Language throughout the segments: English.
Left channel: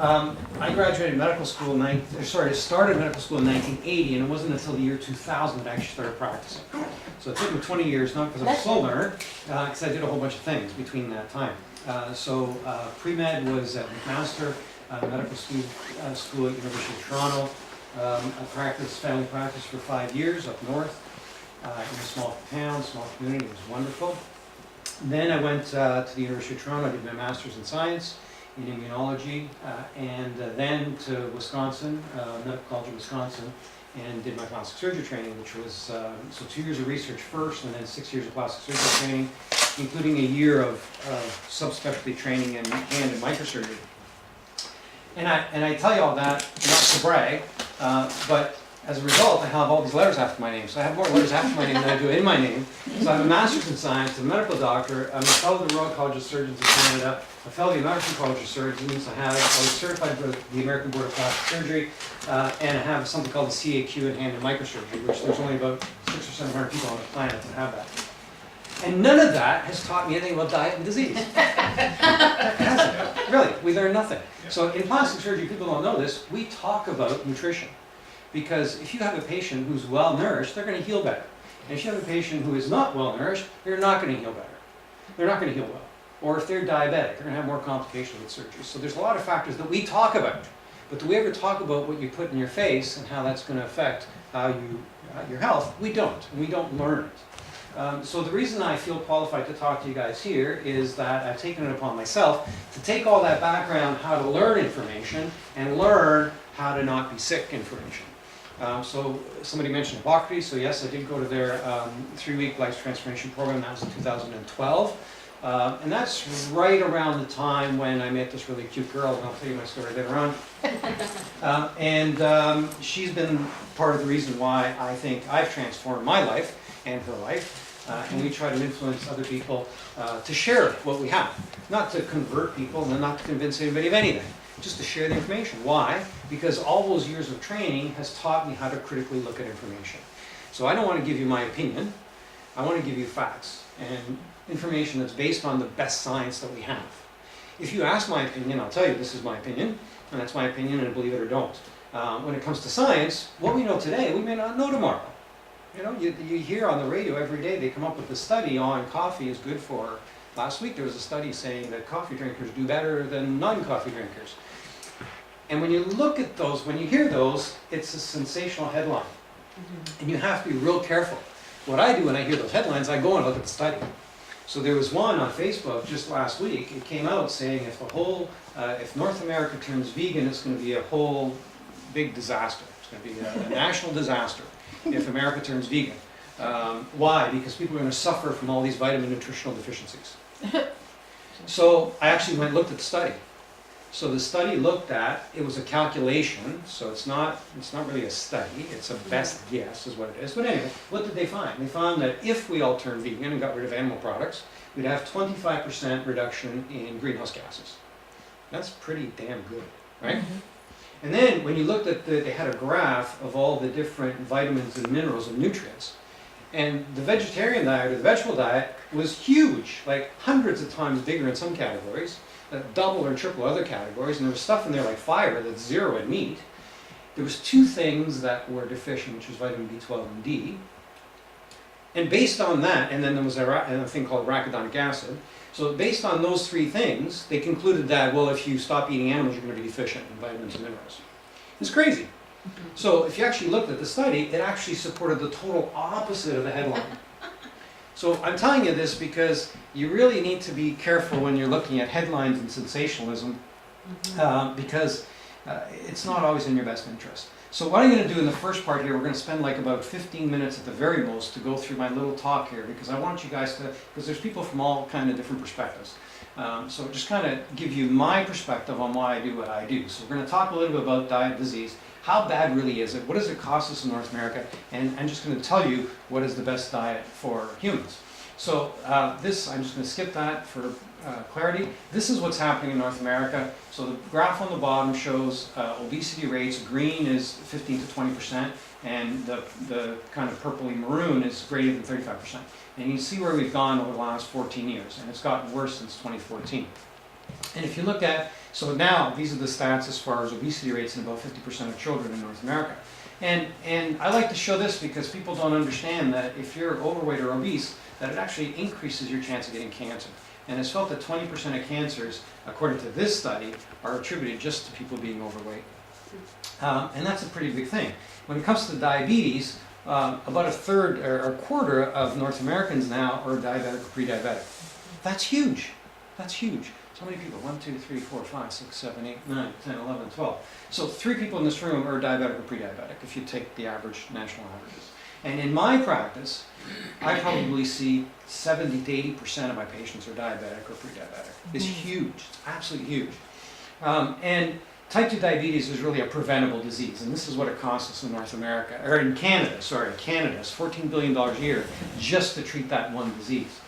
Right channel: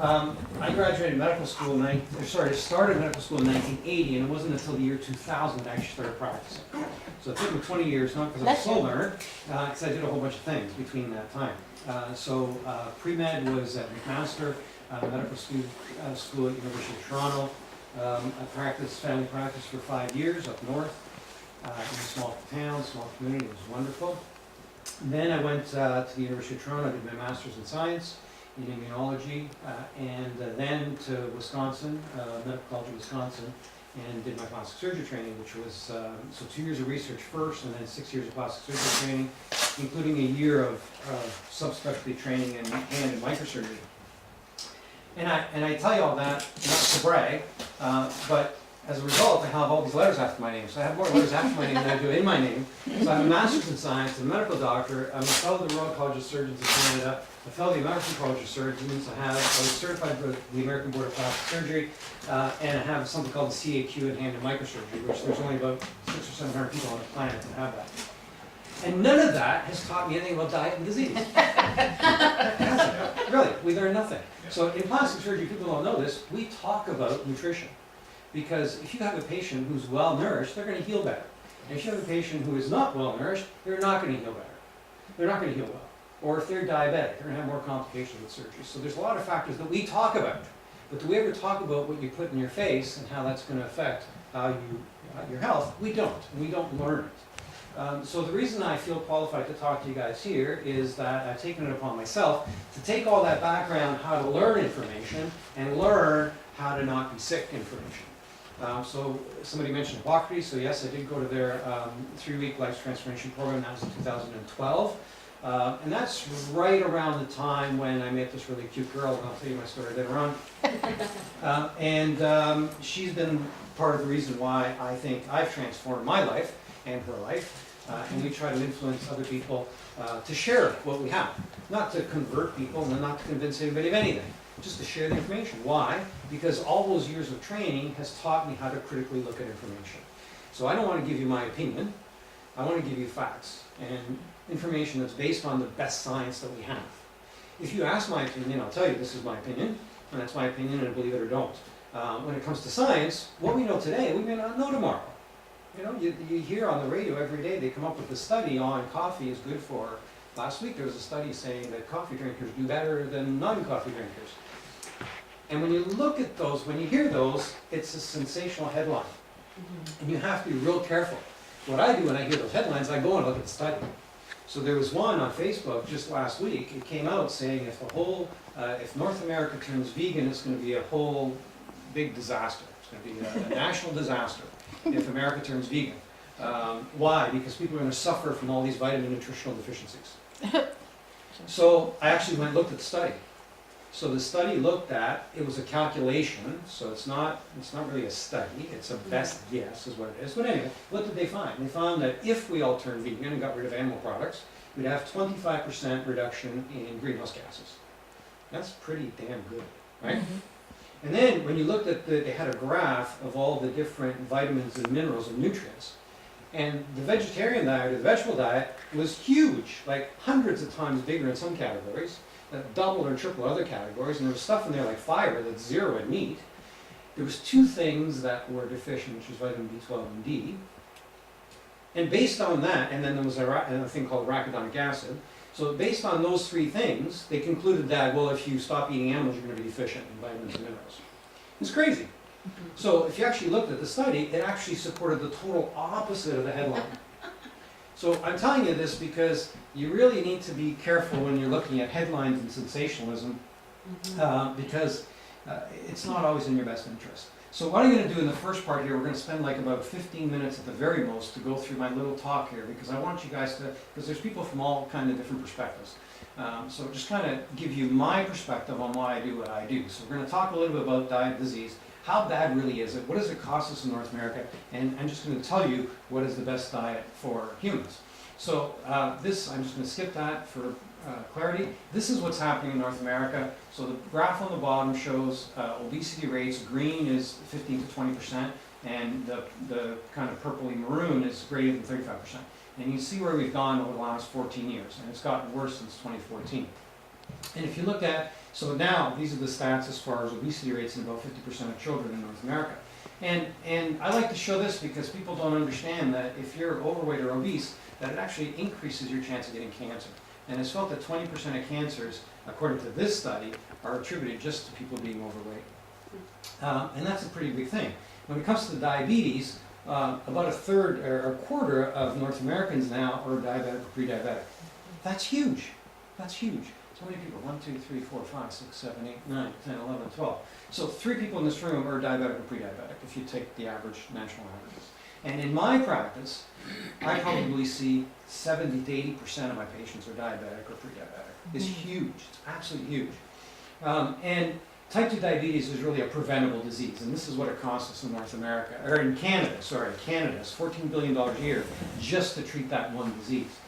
I graduated medical school started medical school in 1980, and it wasn't until the year 2000 that I actually started practicing. So it took me 20 years, not because I'm a slow learner, because I did a whole bunch of things between that time. Pre-med was at McMaster Medical School at University of Toronto. I practiced family practice for 5 years up north in a small town, small community. It was wonderful. Then I went to the University of Toronto. I did my master's in science in immunology, and then to Wisconsin, Medical College of Wisconsin, and did my plastic surgery training, which was so 2 years of research first, and then 6 years of plastic surgery training, including a year of subspecialty training in hand and microsurgery. And I tell you all that not to brag, but as a result, I have all these letters after my name. So I have more letters after my name than I do in my name. So I have a master's in science, I'm a medical doctor, I'm a fellow of the Royal College of Surgeons in Canada, a fellow of the American College of Surgeons, I was certified for the American Board of Plastic Surgery, and I have something called the CAQ in hand and microsurgery, which there's only about 600 or 700 people on the planet that have that. And none of that has taught me anything about diet and disease. Really, we learn nothing. So in plastic surgery, people don't know this, we talk about nutrition. Because if you have a patient who's well nourished, they're going to heal better. And if you have a patient who is not well nourished, they're not going to heal better. They're not going to heal well. Or if they're diabetic, they're going to have more complications with surgery. So there's a lot of factors that we talk about. But do we ever talk about what you put in your face and how that's going to affect how your health? We don't. And we don't learn it. So the reason I feel qualified to talk to you guys here is that I've taken it upon myself to take all that background, how to learn information, and learn how to not be sick information. So somebody mentioned Hippocrates, so yes, I did go to their 3-week life transformation program. That was in 2012. And that's right around the time when I met this really cute girl, and I'll tell you my story later on. She's been part of the reason why I think I've transformed my life and her life. And we try to influence other people to share what we have. Not to convert people and not to convince anybody of anything. Just to share the information. Why? Because all those years of training has taught me how to critically look at information. So I don't want to give you my opinion. I want to give you facts and information that's based on the best science that we have. If you ask my opinion, I'll tell you this is my opinion, and that's my opinion, and believe it or don't. When it comes to science, what we know today, we may not know tomorrow. You know, you hear on the radio every day, they come up with a study on coffee is good for. Last week there was a study saying that coffee drinkers do better than non-coffee drinkers. And when you look at those, when you hear those, it's a sensational headline. And you have to be real careful. What I do when I hear those headlines, I go and look at the study. So there was one on Facebook just last week. It came out saying if North America turns vegan, it's going to be a whole big disaster. It's going to be a national disaster if America turns vegan. Why? Because people are going to suffer from all these vitamin nutritional deficiencies. So I actually went and looked at the study. So the study looked at, it was a calculation, so it's not really a study, it's a best guess is what it is. But anyway, what did they find? They found that if we all turned vegan and got rid of animal products, we'd have 25% reduction in greenhouse gases. That's pretty damn good, right? And then when you looked at they had a graph of all the different vitamins and minerals and nutrients. And the vegetarian diet or the vegetable diet was huge, like hundreds of times bigger in some categories, double or triple other categories, and there was stuff in there like fiber that's zero in meat. There was 2 things that were deficient, which was vitamin B12 and D. And based on that, and then there was a thing called arachidonic acid. So based on those 3 things, they concluded that, well, if you stop eating animals, you're going to be deficient in vitamins and minerals. It's crazy. So if you actually looked at the study, it actually supported the total opposite of the headline. So I'm telling you this because you really need to be careful when you're looking at headlines and sensationalism, because it's not always in your best interest. So what I'm going to do in the first part here, we're going to spend like about 15 minutes at the very most to go through my little talk here, because I want you guys to, because there's people from all kind of different perspectives. So just kind of give you my perspective on why I do what I do. So we're going to talk a little bit about diet disease. How bad really is it? What does it cost us in North America? And I'm just going to tell you what is the best diet for humans. So I'm just going to skip that for clarity. This is what's happening in North America. So the graph on the bottom shows obesity rates. Green is 15 to 20%, and the kind of purpley maroon is greater than 35%. And you see where we've gone over the last 14 years, and it's gotten worse since 2014. And if you look at So now, these are the stats as far as obesity rates in about 50% of children in North America. And I like to show this because people don't understand that if you're overweight or obese, that it actually increases your chance of getting cancer. And it's felt that 20% of cancers, according to this study, are attributed just to people being overweight. And that's a pretty big thing. When it comes to diabetes, about a third or a quarter of North Americans now are diabetic or pre-diabetic. That's huge. That's huge. So many people, 1, 2, 3, 4, 5, 6, 7, 8, 9, 10, 11, 12. So 3 people in this room are diabetic or pre-diabetic if you take the average, national averages. And in my practice, I probably see 70 to 80% of my patients are diabetic or pre-diabetic. It's huge. It's absolutely huge. And type 2 diabetes is really a preventable disease, and this is what it costs us in North America, or in Canada, sorry, Canada, it's $14 billion a year just to treat that one disease.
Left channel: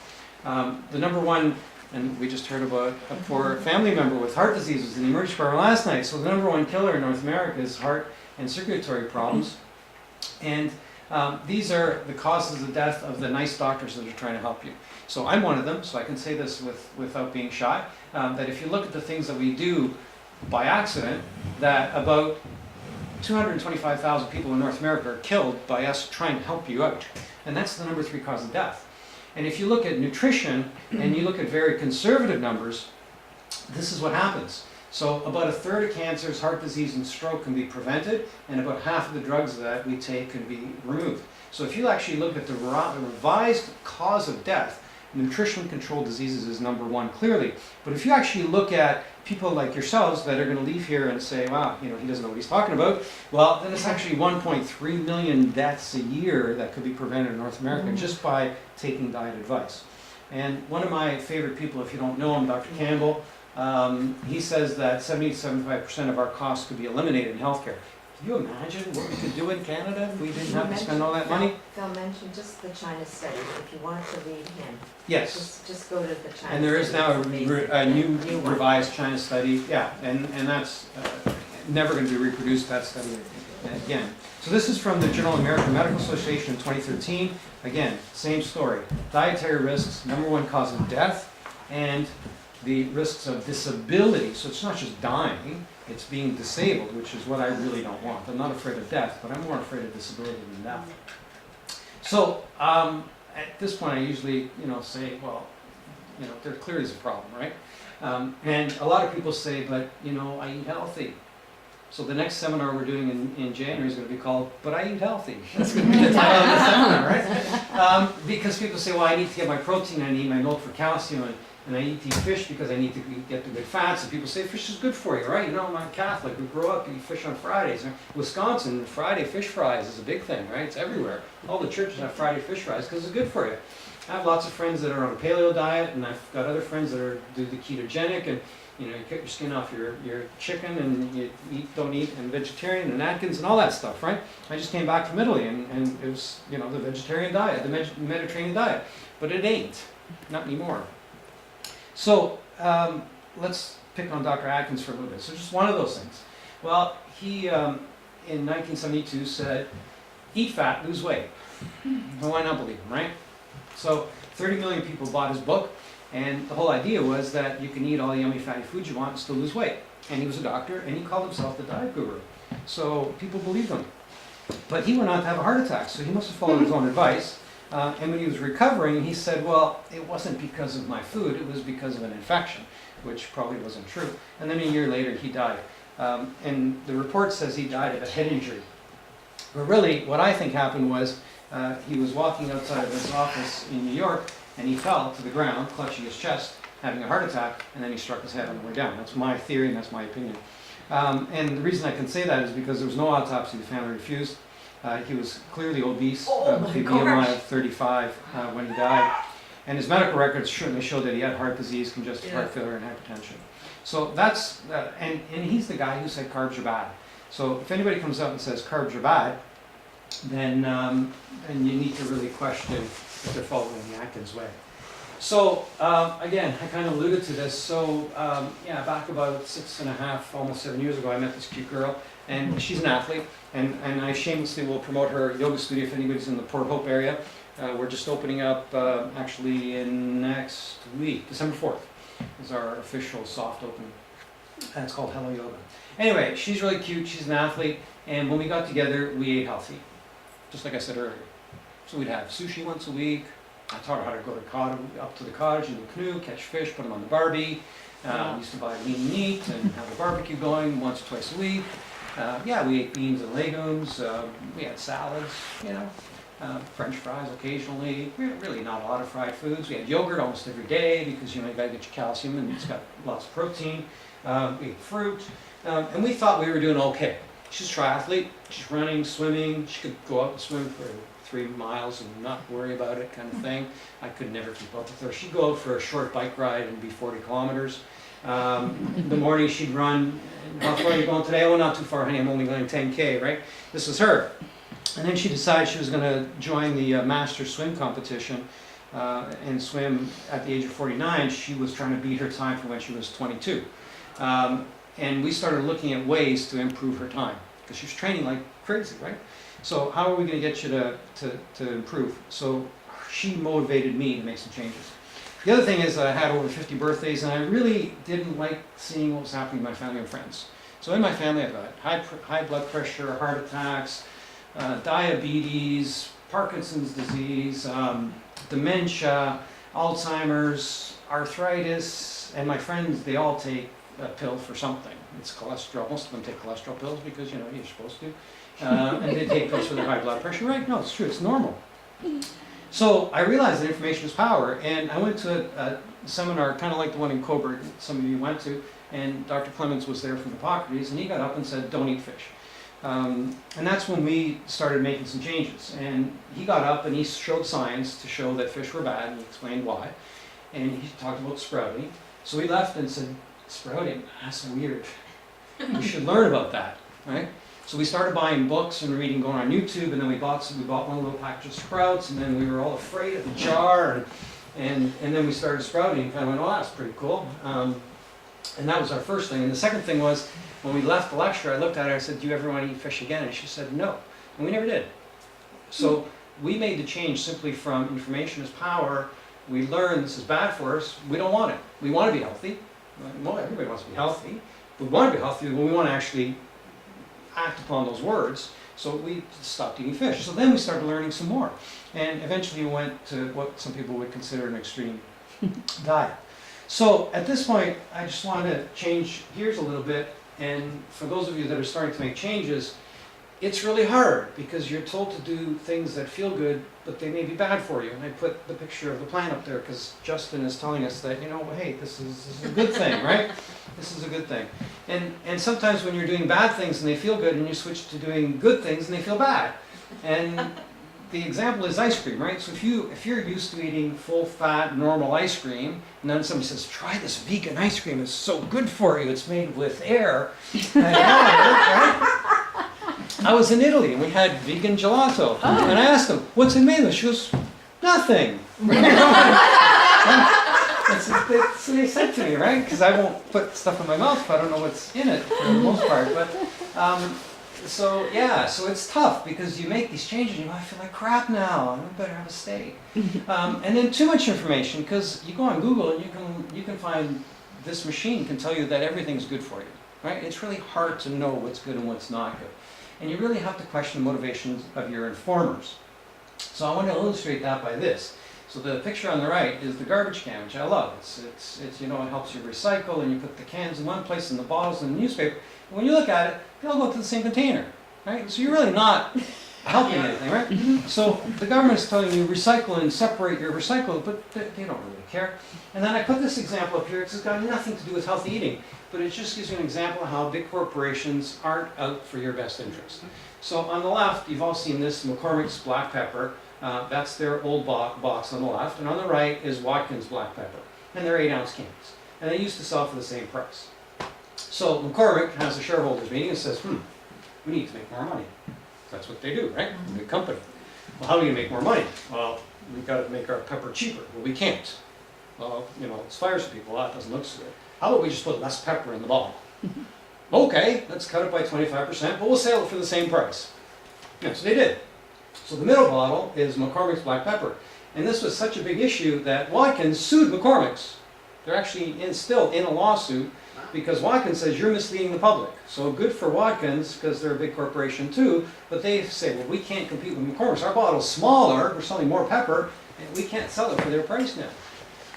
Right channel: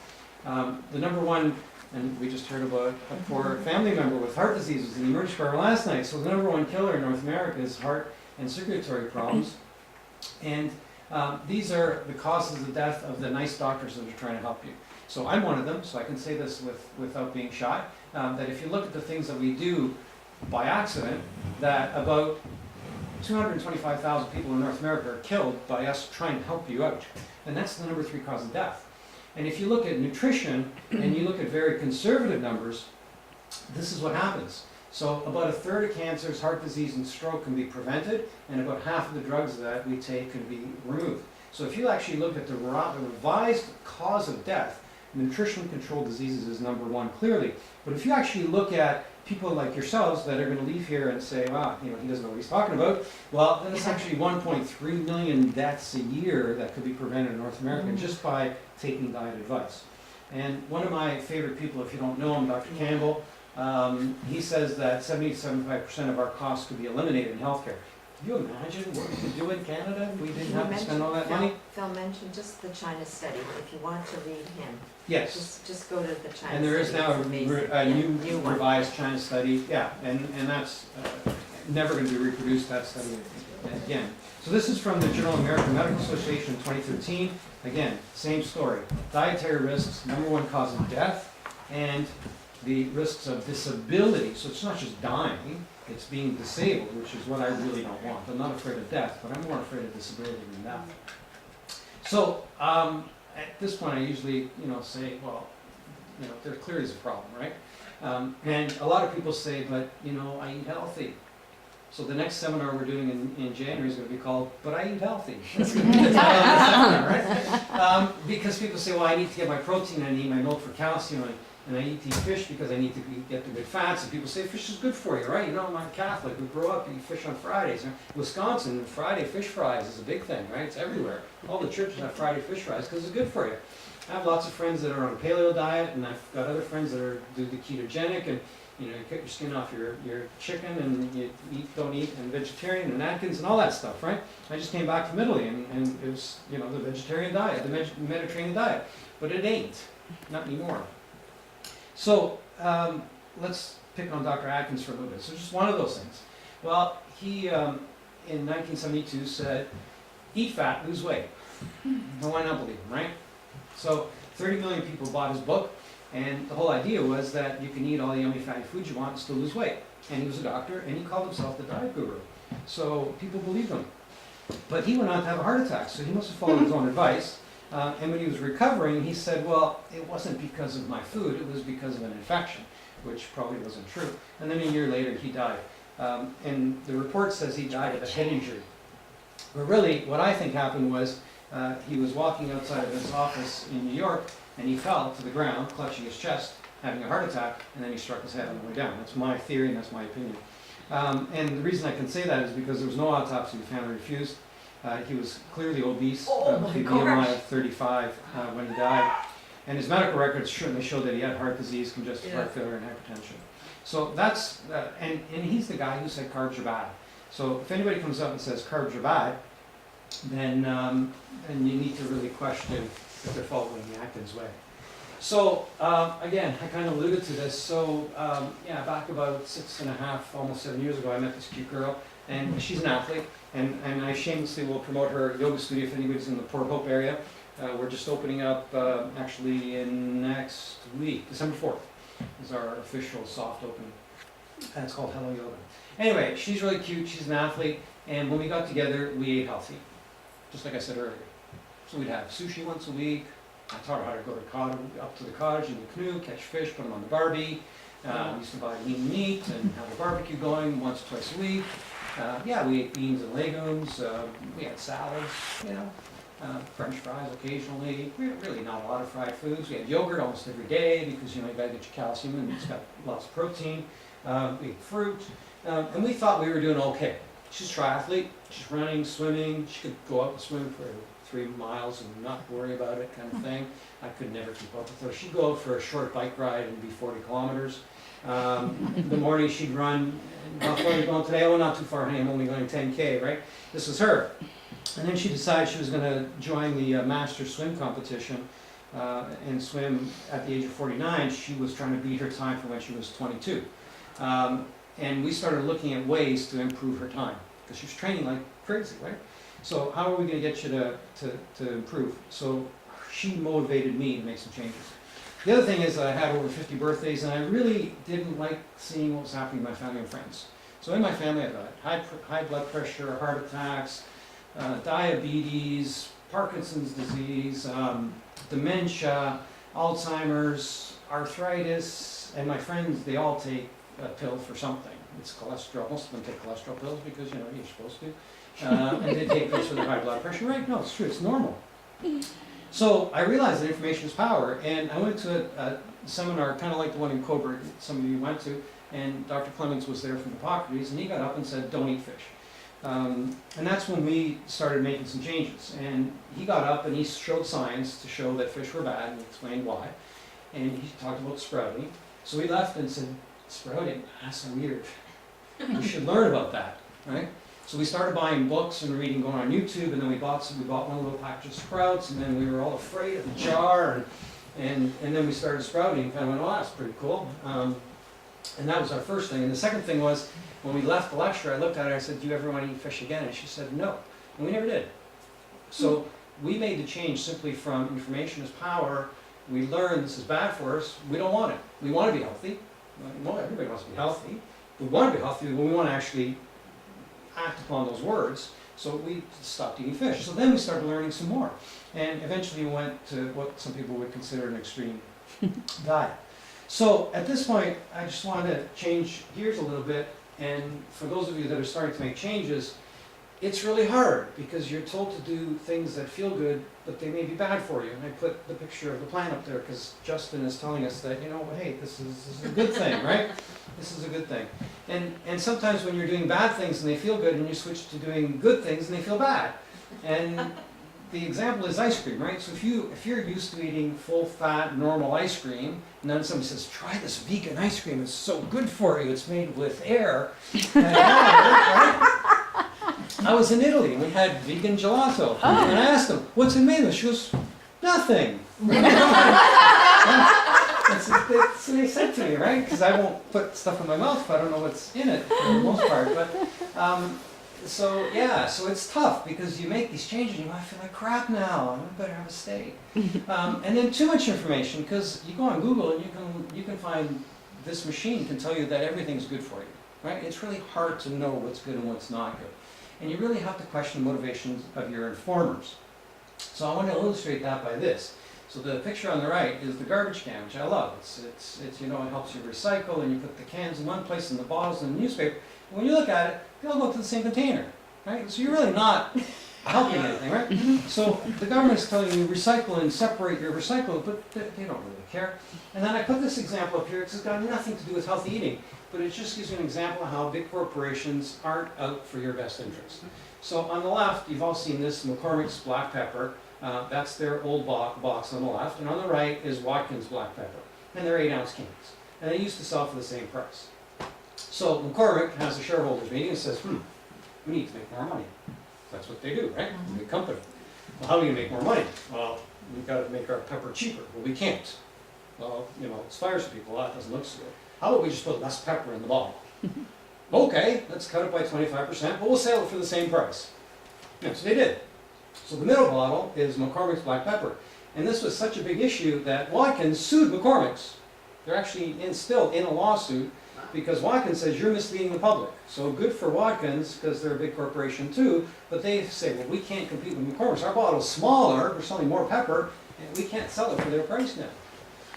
The number one, and we just heard about a poor family member with heart disease was in the emergency department last night, so the number one killer in North America is heart and circulatory problems. And these are the causes of death of the nice doctors that are trying to help you. So I'm one of them, so I can say this without being shy, that if you look at the things that we do by accident, that about 225,000 people in North America are killed by us trying to help you out. And that's the number 3 cause of death. And if you look at nutrition, and you look at very conservative numbers, this is what happens. So about a third of cancers, heart disease, and stroke can be prevented, and about half of the drugs that we take can be removed. So if you actually look at the revised cause of death, nutrition-controlled diseases is number 1 clearly. But if you actually look at people like yourselves that are going to leave here and say, wow, you know, he doesn't know what he's talking about, well, then it's actually 1.3 million deaths a year that could be prevented in North America just by taking diet advice. And one of my favorite people, if you don't know him, Dr. Campbell, he says that 70 to 75% of our costs could be eliminated in healthcare. Can you imagine what we could do in Canada if we didn't have to spend all that money? Phil mentioned just the China study, if you want to read him. Yes. Just go to the China study. And there is now a new revised China study, yeah, and that's never going to be reproduced, that study again. So this is from the Journal of American Medical Association in 2013. Again, same story. Dietary risks, number 1 cause of death, and the risks of disability. So it's not just dying, it's being disabled, which is what I really don't want. I'm not afraid of death, but I'm more afraid of disability than death. So at this point I usually say, well, there clearly is a problem, right? And a lot of people say, but I eat healthy. So the next seminar we're doing in January is going to be called, But I Eat Healthy. That's going to be the title of the seminar, right? Because people say, well, I need to get my protein, I need my milk for calcium, and I eat fish because I need to get the good fats. And people say fish is good for you, right? I'm a Catholic. We grow up eating fish on Fridays. Wisconsin, Friday fish fries is a big thing, right? It's everywhere. All the churches have Friday fish fries because it's good for you. I have lots of friends that are on a paleo diet, and I've got other friends that do the ketogenic, and you cut your skin off your chicken, and you don't eat, and vegetarian, and Atkins, and all that stuff, right? I just came back from Italy, and it was, the vegetarian diet, the Mediterranean diet, but it ain't, not anymore. So let's pick on Dr. Atkins for a little bit. So just one of those things. Well, he, in 1972, said, eat fat, lose weight. Why not believe him, right? So 30 million people bought his book, and the whole idea was that you can eat all the yummy fatty foods you want and still lose weight. And he was a doctor, and he called himself the diet guru. So people believed him. But he went on to have a heart attack, so he must have followed his own advice. And when he was recovering, he said, well, it wasn't because of my food, it was because of an infection, which probably wasn't true. And then a year later, he died. And the report says he died of a head injury. But really, what I think happened was he was walking outside of his office in New York, and he fell to the ground, clutching his chest, having a heart attack, and then he struck his head on the way down. That's my theory, and that's my opinion. And the reason I can say that is because there was no autopsy. The family refused. He was clearly obese, with a BMI of 35 when he died. And his medical records certainly showed that he had heart disease, congestive heart failure, and hypertension. So that's, and he's the guy who said carbs are bad. So if anybody comes up and says carbs are bad, then you need to really question if they're following the Atkins way. So again, I kind of alluded to this. So back about 6.5, almost 7 years ago, I met this cute girl, and she's an athlete, and I shamelessly will promote her yoga studio if anybody's in the Port Hope area. We're just opening up actually in next week, December 4th is our official soft opening. and it's called Hello Yoga. Anyway, she's really cute, she's an athlete, and when we got together, we ate healthy, just like I said earlier. So we'd have sushi once a week. I taught her how to go up to the cottage in the canoe, catch fish, put them on the Barbie. We used to buy lean meat and have a barbecue going once or twice a week. Yeah, we ate beans and legumes. We had salads, you know, French fries occasionally. Really not a lot of fried foods. We had yogurt almost every day because, you know, you gotta get your calcium and it's got lots of protein. We ate fruit. And we thought we were doing okay. She's a triathlete. She's running, swimming. She could go out and swim for 3 miles and not worry about it, kind of thing. I could never keep up with her. She'd go out for a short bike ride and be 40 kilometers. In the morning she'd run. How far are you going today? Oh, not too far, honey. I'm only going 10K, right? This was her. And then she decided she was going to join the Masters swim competition and swim at the age of 49. She was trying to beat her time from when she was 22. And we started looking at ways to improve her time because she was training like crazy, right? So how are we going to get you to improve? So she motivated me to make some changes. The other thing is I had over 50 birthdays and I really didn't like seeing what was happening to my family and friends. So in my family I've got high blood pressure, heart attacks, diabetes, Parkinson's disease, dementia, Alzheimer's, arthritis, and my friends, they all take a pill for something. It's cholesterol. Most of them take cholesterol pills because, you know, you're supposed to. And they take pills for their high blood pressure, right? No, it's true, it's normal. So I realized that information is power, and I went to a seminar kind of like the one in Coburg some of you went to, and Dr. Clements was there from Hippocrates, and he got up and said, don't eat fish. And that's when we started making some changes. And he got up and he showed science to show that fish were bad, and he explained why. And he talked about sprouting. So we left and said, sprouting? That's weird. We should learn about that, right? So we started buying books and reading, going on YouTube, and then we bought one little package of sprouts, and then we were all afraid of the jar, and then we started sprouting and kind of went, oh, that's pretty cool. And that was our first thing. And the second thing was, when we left the lecture, I looked at her and I said, do you ever want to eat fish again? And she said, no. And we never did. So we made the change simply from information is power. We learned this is bad for us. We don't want it. We want to be healthy. Well, everybody wants to be healthy. We want to be healthy, but we want to actually act upon those words. So we stopped eating fish. So then we started learning some more. And eventually we went to what some people would consider an extreme diet. So at this point, I just wanted to change gears a little bit. And for those of you that are starting to make changes, it's really hard because you're told to do things that feel good, but they may be bad for you. And I put the picture of the plant up there because Justin is telling us that, you know, hey, this is a good thing, right? This is a good thing. And sometimes when you're doing bad things and they feel good, and you switch to doing good things and they feel bad. And the example is ice cream, right? So if you're used to eating full-fat, normal ice cream, and then somebody says, try this vegan ice cream, it's so good for you, it's made with air, and water, right? I was in Italy and we had vegan gelato, and I asked them, what's it made of? She goes, nothing. So they said to me, right? Because I won't put stuff in my mouth if I don't know what's in it for the most part. But so it's tough because you make these changes and you might feel like crap now. I better have a steak. And then too much information because you go on Google and you can find this machine can tell you that everything's good for you, right? It's really hard to know what's good and what's not good. And you really have to question the motivations of your informers. So I want to illustrate that by this. So the picture on the right is the garbage can, which I love. It's you know, it helps you recycle, and you put the cans in one place and the bottles in the newspaper. And when you look at it, they all go to the same container, right? So you're really not helping anything, right? So the government's telling you recycle and separate your recycle, but they don't really care. And then I put this example up here. It's got nothing to do with healthy eating, but it just gives you an example of how big corporations aren't out for your best interest. So on the left, you've all seen this McCormick's black pepper. That's their old box on the left, and on the right is Watkins black pepper, and they're 8-ounce cans, and they used to sell for the same price. So McCormick has a shareholders meeting and says, we need to make more money. That's what they do, right? Big company. Well, how do you make more money? Well, we've got to make our pepper cheaper. Well, we can't. Well, you know, it fires some people out, it doesn't look so good. How about we just put less pepper in the bottle? Okay, let's cut it by 25%, but we'll sell it for the same price. Yeah, so they did. So the middle bottle is McCormick's black pepper. And this was such a big issue that Watkins sued McCormick's. They're actually still in a lawsuit because Watkins says you're misleading the public. So good for Watkins, because they're a big corporation too, but they say, well, we can't compete with McCormick's. Our bottle's smaller, we're selling more pepper, and we can't sell it for their price now.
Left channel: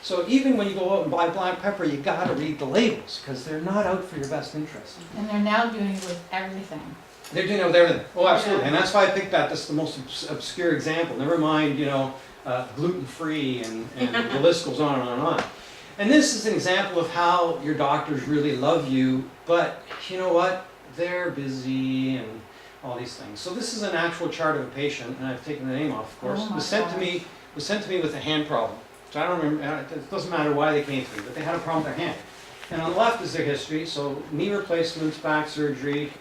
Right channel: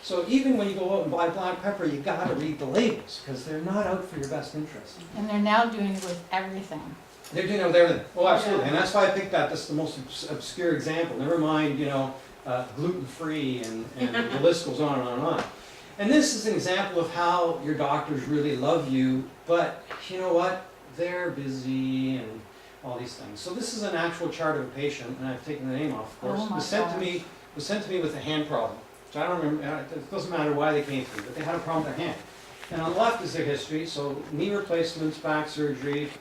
So even when you go out and buy black pepper, you gotta read the labels, because they're not out for your best interest. And they're now doing it with everything. They're doing it with everything. Oh, absolutely. And that's why I picked that. That's the most obscure example. Never mind, gluten-free and the list goes on and on and on. And this is an example of how your doctors really love you, but you know what? They're busy and all these things. So this is an actual chart of a patient, and I've taken the name off, of course. Oh It my was sent to me with a hand problem. So I don't remember, it doesn't matter why they came to me, but they had a problem with their hand. And on the left is their history, so knee replacements, back surgery,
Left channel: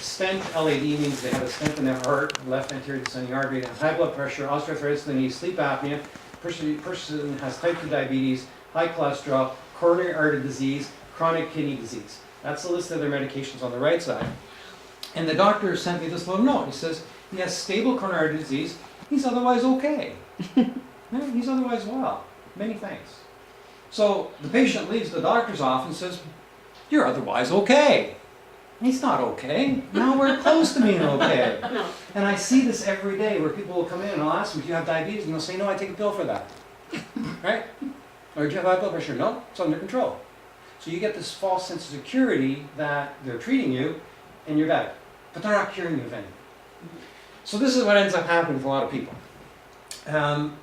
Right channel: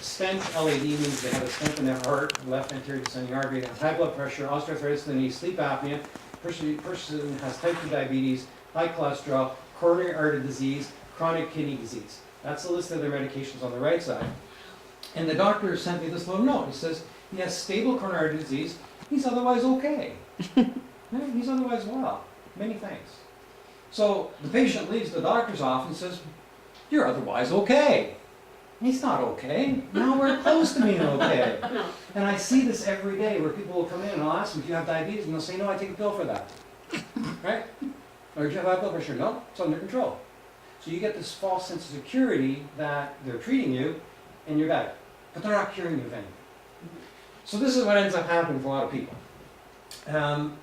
stent, LAD means they have a stent in their heart, left anterior descending artery, they have high blood pressure, osteoarthritis in the knee, sleep apnea, person has type 2 diabetes, high cholesterol, coronary artery disease, chronic kidney disease. That's the list of their medications on the right side. And the doctor sent me this little note. He says, he has stable coronary artery disease, he's otherwise okay. Yeah, he's otherwise well. Many thanks. So the patient leaves the doctor's office and says, you're otherwise okay. He's not okay. Nowhere close to being okay. And I see this every day where people will come in and I'll ask them, do you have diabetes? And they'll say, no, I take a pill for that. Right? Or do you have high blood pressure? No, it's under control. So you get this false sense of security that they're treating you and you're better. But they're not curing you of anything. So this is what ends up happening for a lot of people.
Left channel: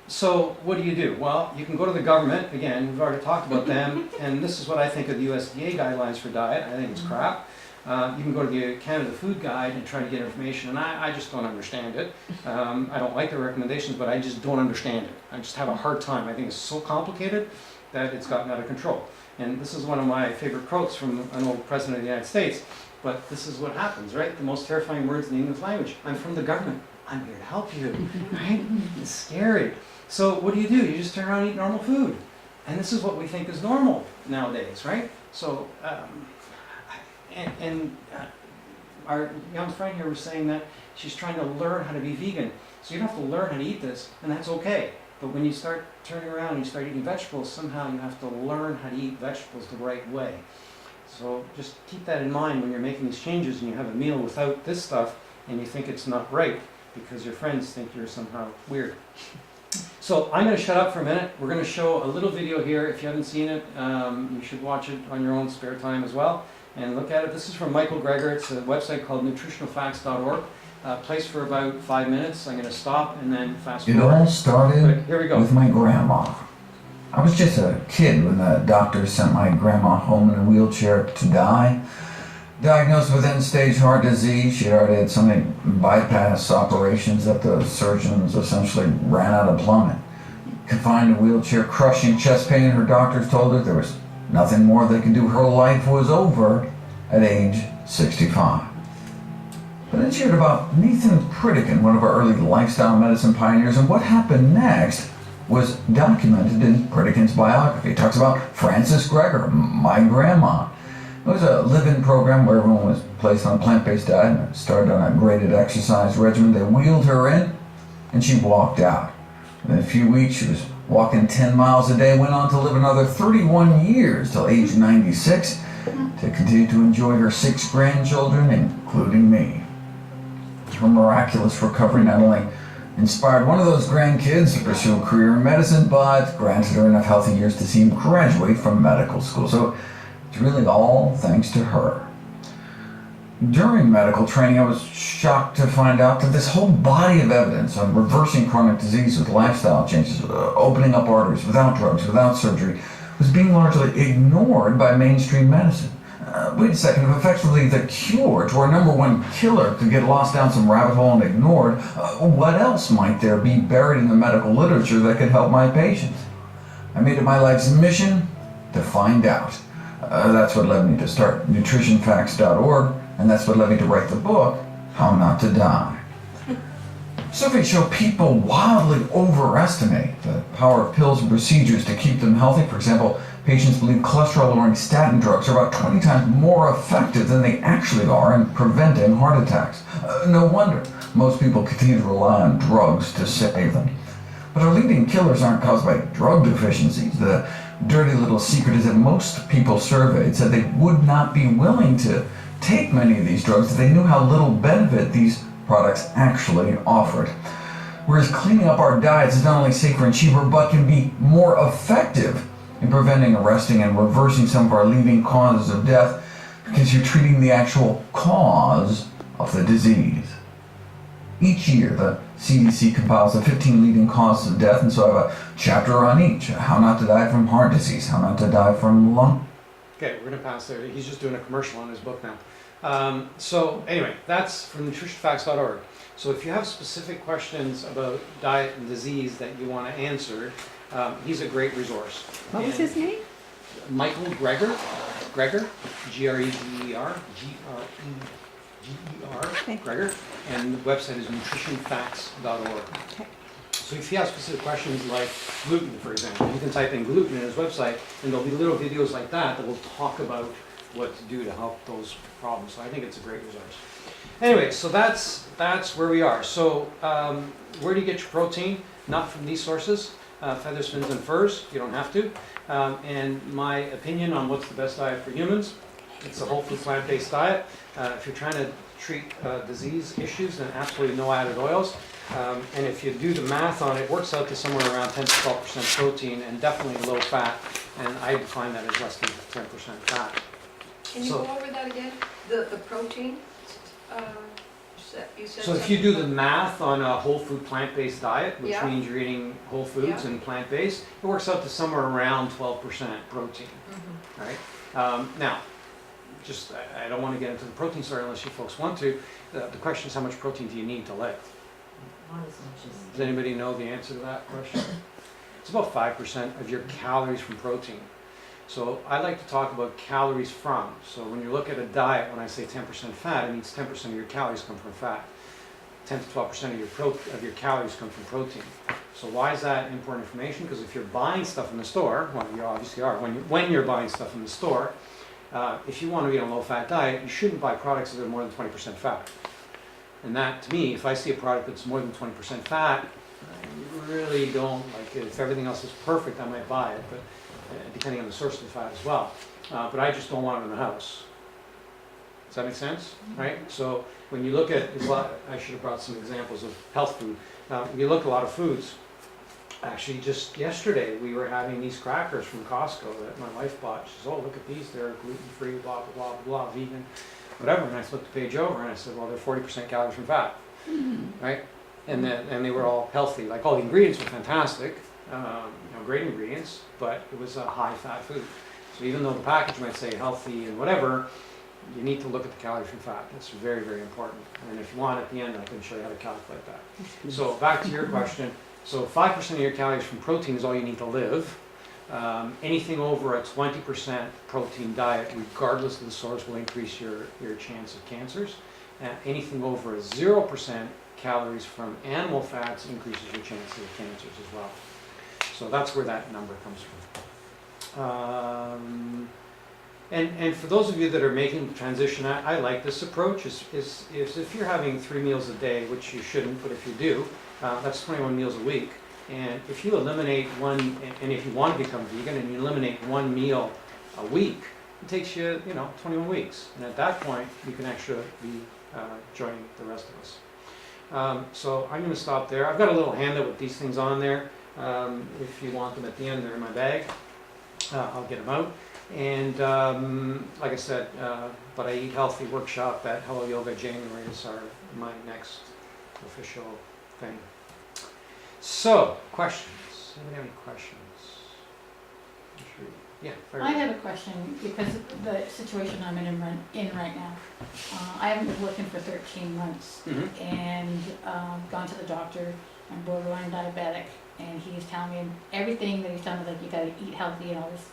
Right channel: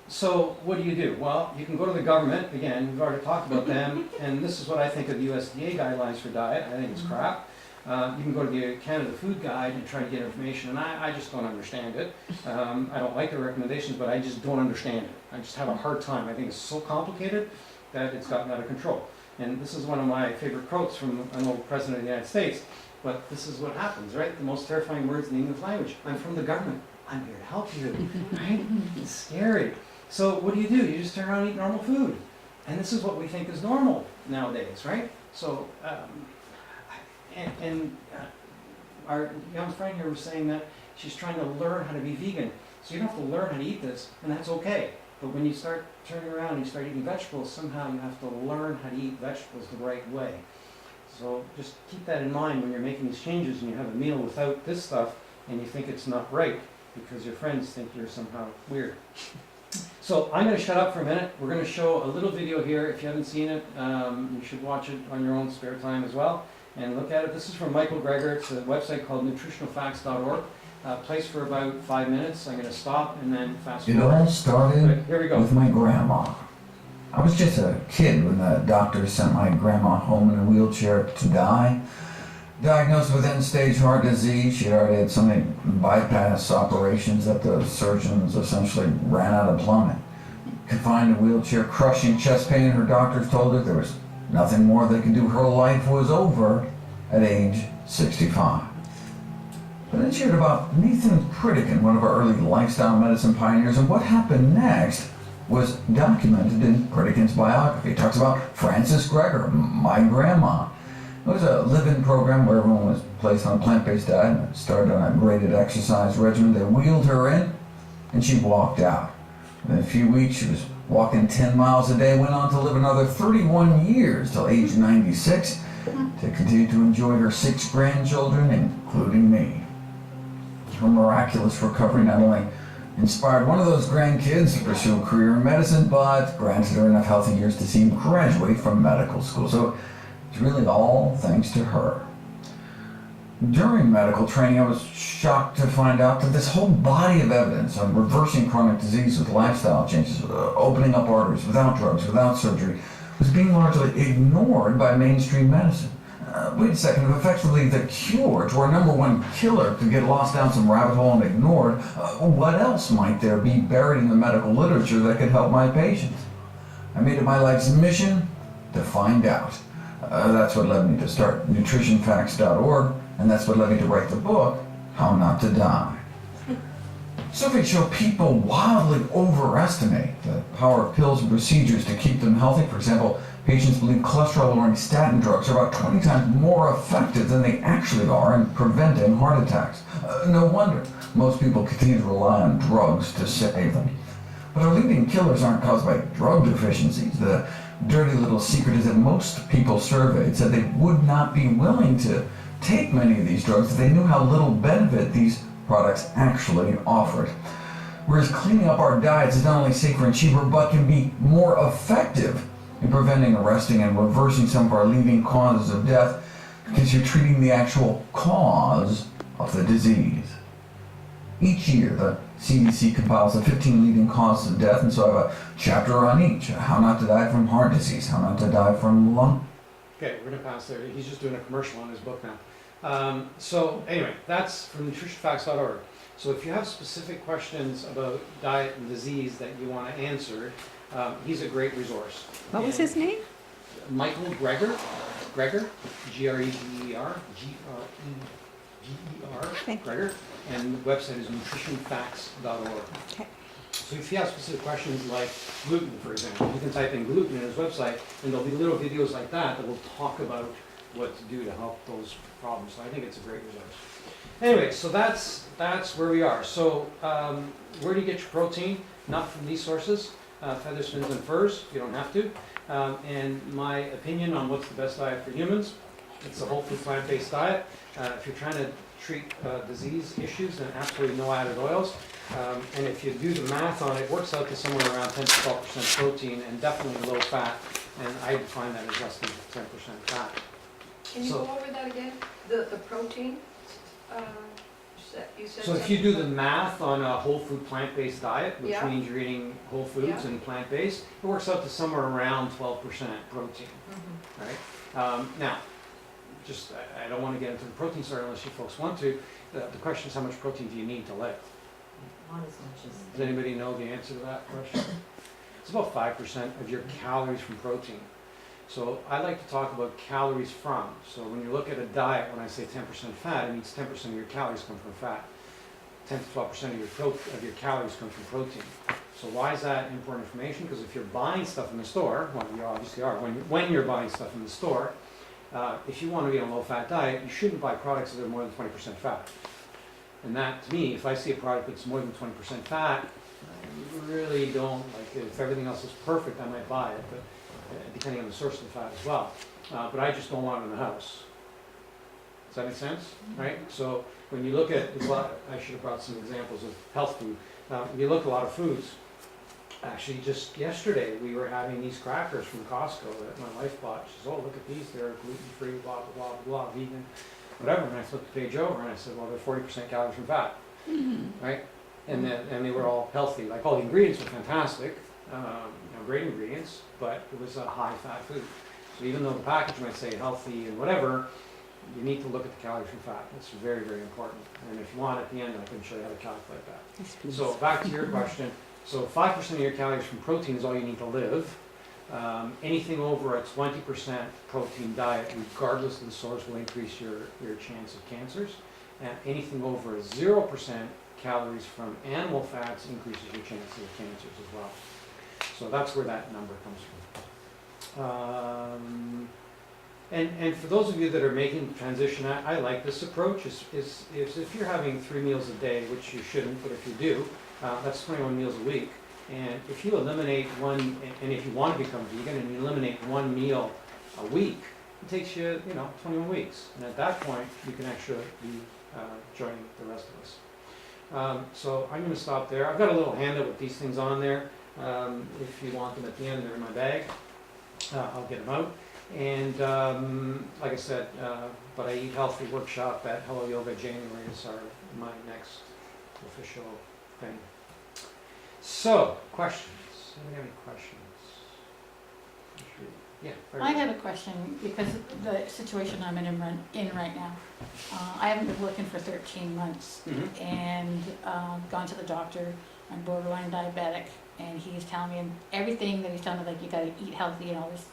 So what do you do? Well, you can go to the government. Again, we've already talked about them. And this is what I think of the USDA guidelines for diet. I think it's crap. You can go to the Canada Food Guide and try to get information, and I just don't understand it. I don't like the recommendations, but I just don't understand it. I just have a hard time. I think it's so complicated that it's gotten out of control. And this is one of my favorite quotes from an old president of the United States, but this is what happens, right? The most terrifying words in the English language. I'm from the government. I'm here to help you, right? It's scary. So what do? You just turn around and eat normal food. And this is what we think is normal nowadays, right? So, our young friend here was saying that she's trying to learn how to be vegan. So you don't have to learn how to eat this, and that's okay. But when you start turning around and you start eating vegetables, somehow you have to learn how to eat vegetables the right way. So just keep that in mind when you're making these changes and you have a meal without this stuff and you think it's not right because your friends think you're somehow weird. So I'm going to shut up for a minute. We're going to show a little video here. If you haven't seen it, you should watch it on your own spare time as well and look at it. This is from Michael Greger. It's a website called nutritionalfacts.org. Plays for about 5 minutes. I'm going to stop and then fast forward. It all started Here we go. with my grandma. I was just a kid when the doctor sent my grandma home in a wheelchair to die. Diagnosed with end-stage heart disease, she already had so many bypass operations that the surgeons essentially ran out of plumbing. Confined in a wheelchair, crushing chest pain, her doctors told her there was nothing more they could do. Her life was over at age 65. But then she heard about Nathan Pritikin, one of our early lifestyle medicine pioneers, and what happened next was documented in Pritikin's biography. It talks about Frances Greger, my grandma. It was a live-in program where everyone was placed on a plant-based diet and started on a graded exercise regimen. They wheeled her in, and she walked out. Within a few weeks, she was walking 10 miles a day, went on to live another 31 years till age 96 to continue to enjoy her 6 grandchildren, including me. Her miraculous recovery not only inspired one of those grandkids to pursue a career in medicine, but granted her enough healthy years to see him graduate from medical school. So it's really all thanks to her. During medical training, I was shocked to find out that this whole body of evidence on reversing chronic disease with lifestyle changes, opening up arteries without drugs, without surgery, was being largely ignored by mainstream medicine. Wait a second, if effectively the cure to our #1 killer could get lost down some rabbit hole and ignored, what else might there be buried in the medical literature that could help my patients? I made it my life's mission to find out. That's what led me to start nutritionfacts.org, and that's what led me to write the book, How Not to Die. Surveys show people wildly overestimate the power of pills and procedures to keep them healthy. For example, patients believe cholesterol-lowering statin drugs are about 20 times more effective than they actually are in preventing heart attacks. No wonder most people continue to rely on drugs to save them. But our leading killers aren't caused by drug deficiencies. The dirty little secret is that most people surveyed said they would not be willing to take many of these drugs if they knew how little benefit these products actually offered. Whereas cleaning up our diets is not only safer and cheaper, but can be more effective in preventing, arresting, and reversing some of our leading causes of death, because you're treating the actual cause of the disease. Each year, the CDC compiles the 15 leading causes of death, and so I have a chapter on each. How not to die from heart disease, how not to die from lung. Okay, we're gonna pass there. He's just doing a commercial on his book now. So anyway, that's from nutritionfacts.org. So if you have specific questions about diet and disease that you want to answer, he's a great resource. What was his name? Michael Greger, G-R-E-G-E-R, G-R-E-G-E-R, Okay. Greger, and the website is nutritionfacts.org. Okay. So if you have specific questions like gluten, for example, you can type in gluten in his website, and there'll be little videos like that will talk about what to do to help those problems. So I think it's a great resource. Anyway, so that's where we are. So where do you get your protein? Not from these sources, feathers, fins, and furs. You don't have to. And my opinion on what's the best diet for humans, it's a whole food plant-based diet. If you're trying to treat disease issues, then absolutely no added oils. And if you do the math on it, it works out to somewhere around 10 to 12% protein and definitely low fat. And I define that as less than 10% fat. Can you So- go over that again? The protein? You said So if you do the something math on a whole food plant-based diet, which Yeah. means you're eating whole foods Yeah. and plant-based, it works out to somewhere around 12% protein, about- right? Now, just, I don't want to get into the protein story unless you folks want to. The question is, how much protein do you need to live? Not as much as. Does anybody know the answer to that question? It's about 5% of your calories from protein. So I like to talk about calories from. So when you look at a diet, when I say 10% fat, it means 10% of your calories come from fat. 10 to 12% of your calories come from protein. So why is that important information? Because if you're buying stuff in the store, well, you obviously are, when you're buying stuff in the store, if you want to eat a low-fat diet, you shouldn't buy products that are more than 20% fat. And that, to me, if I see a product that's more than 20% fat, I really don't like it. If everything else is perfect, I might buy it, but depending on the source of the fat as well. But I just don't want it in the house. Does that make sense? Right? So when you look at, I should have brought some examples of health food. When you look at a lot of foods, actually just yesterday we were having these crackers from Costco that my wife bought. She says, oh, look at these, they're gluten-free, blah, blah, blah, blah, vegan, whatever. And I flipped the page over and I said, well, they're 40% calories from fat, right? And they were all healthy. Like all the ingredients were fantastic, great ingredients, but it was a high-fat food. So even though the package might say healthy and whatever, you need to look at the calories from fat. That's very, very important. And if you want, at the end, I can show you how to calculate that. So back to your question. So 5% of your calories from protein is all you need to live. Anything over a 20% protein diet, regardless of the source, will increase your chance of cancers. Anything over a 0% calories from animal fats increases your chance of cancers as well. So that's where that number comes from. And for those of you that are making the transition, I like this approach. Is if you're having 3 meals a day, which you shouldn't, but if you do, that's 21 meals a week. And if you eliminate one, and if you want to become vegan and you eliminate 1 meal a week, it takes you, 21 weeks. And at that point, you can actually be joining the rest of us. So I'm going to stop there. I've got a little handout with these things on there. If you want them at the end, they're in my bag. I'll get them out. And like I said, but I Eat Healthy workshop at Hello Yoga January is my next official thing. So, questions? Anybody have any questions? Yeah. I have a question because of the situation I'm in right now. I haven't been working for 13 months Mm-hmm. and gone to the doctor. I'm borderline diabetic, and he's telling me everything that he's telling me, like, you gotta eat healthy and all this.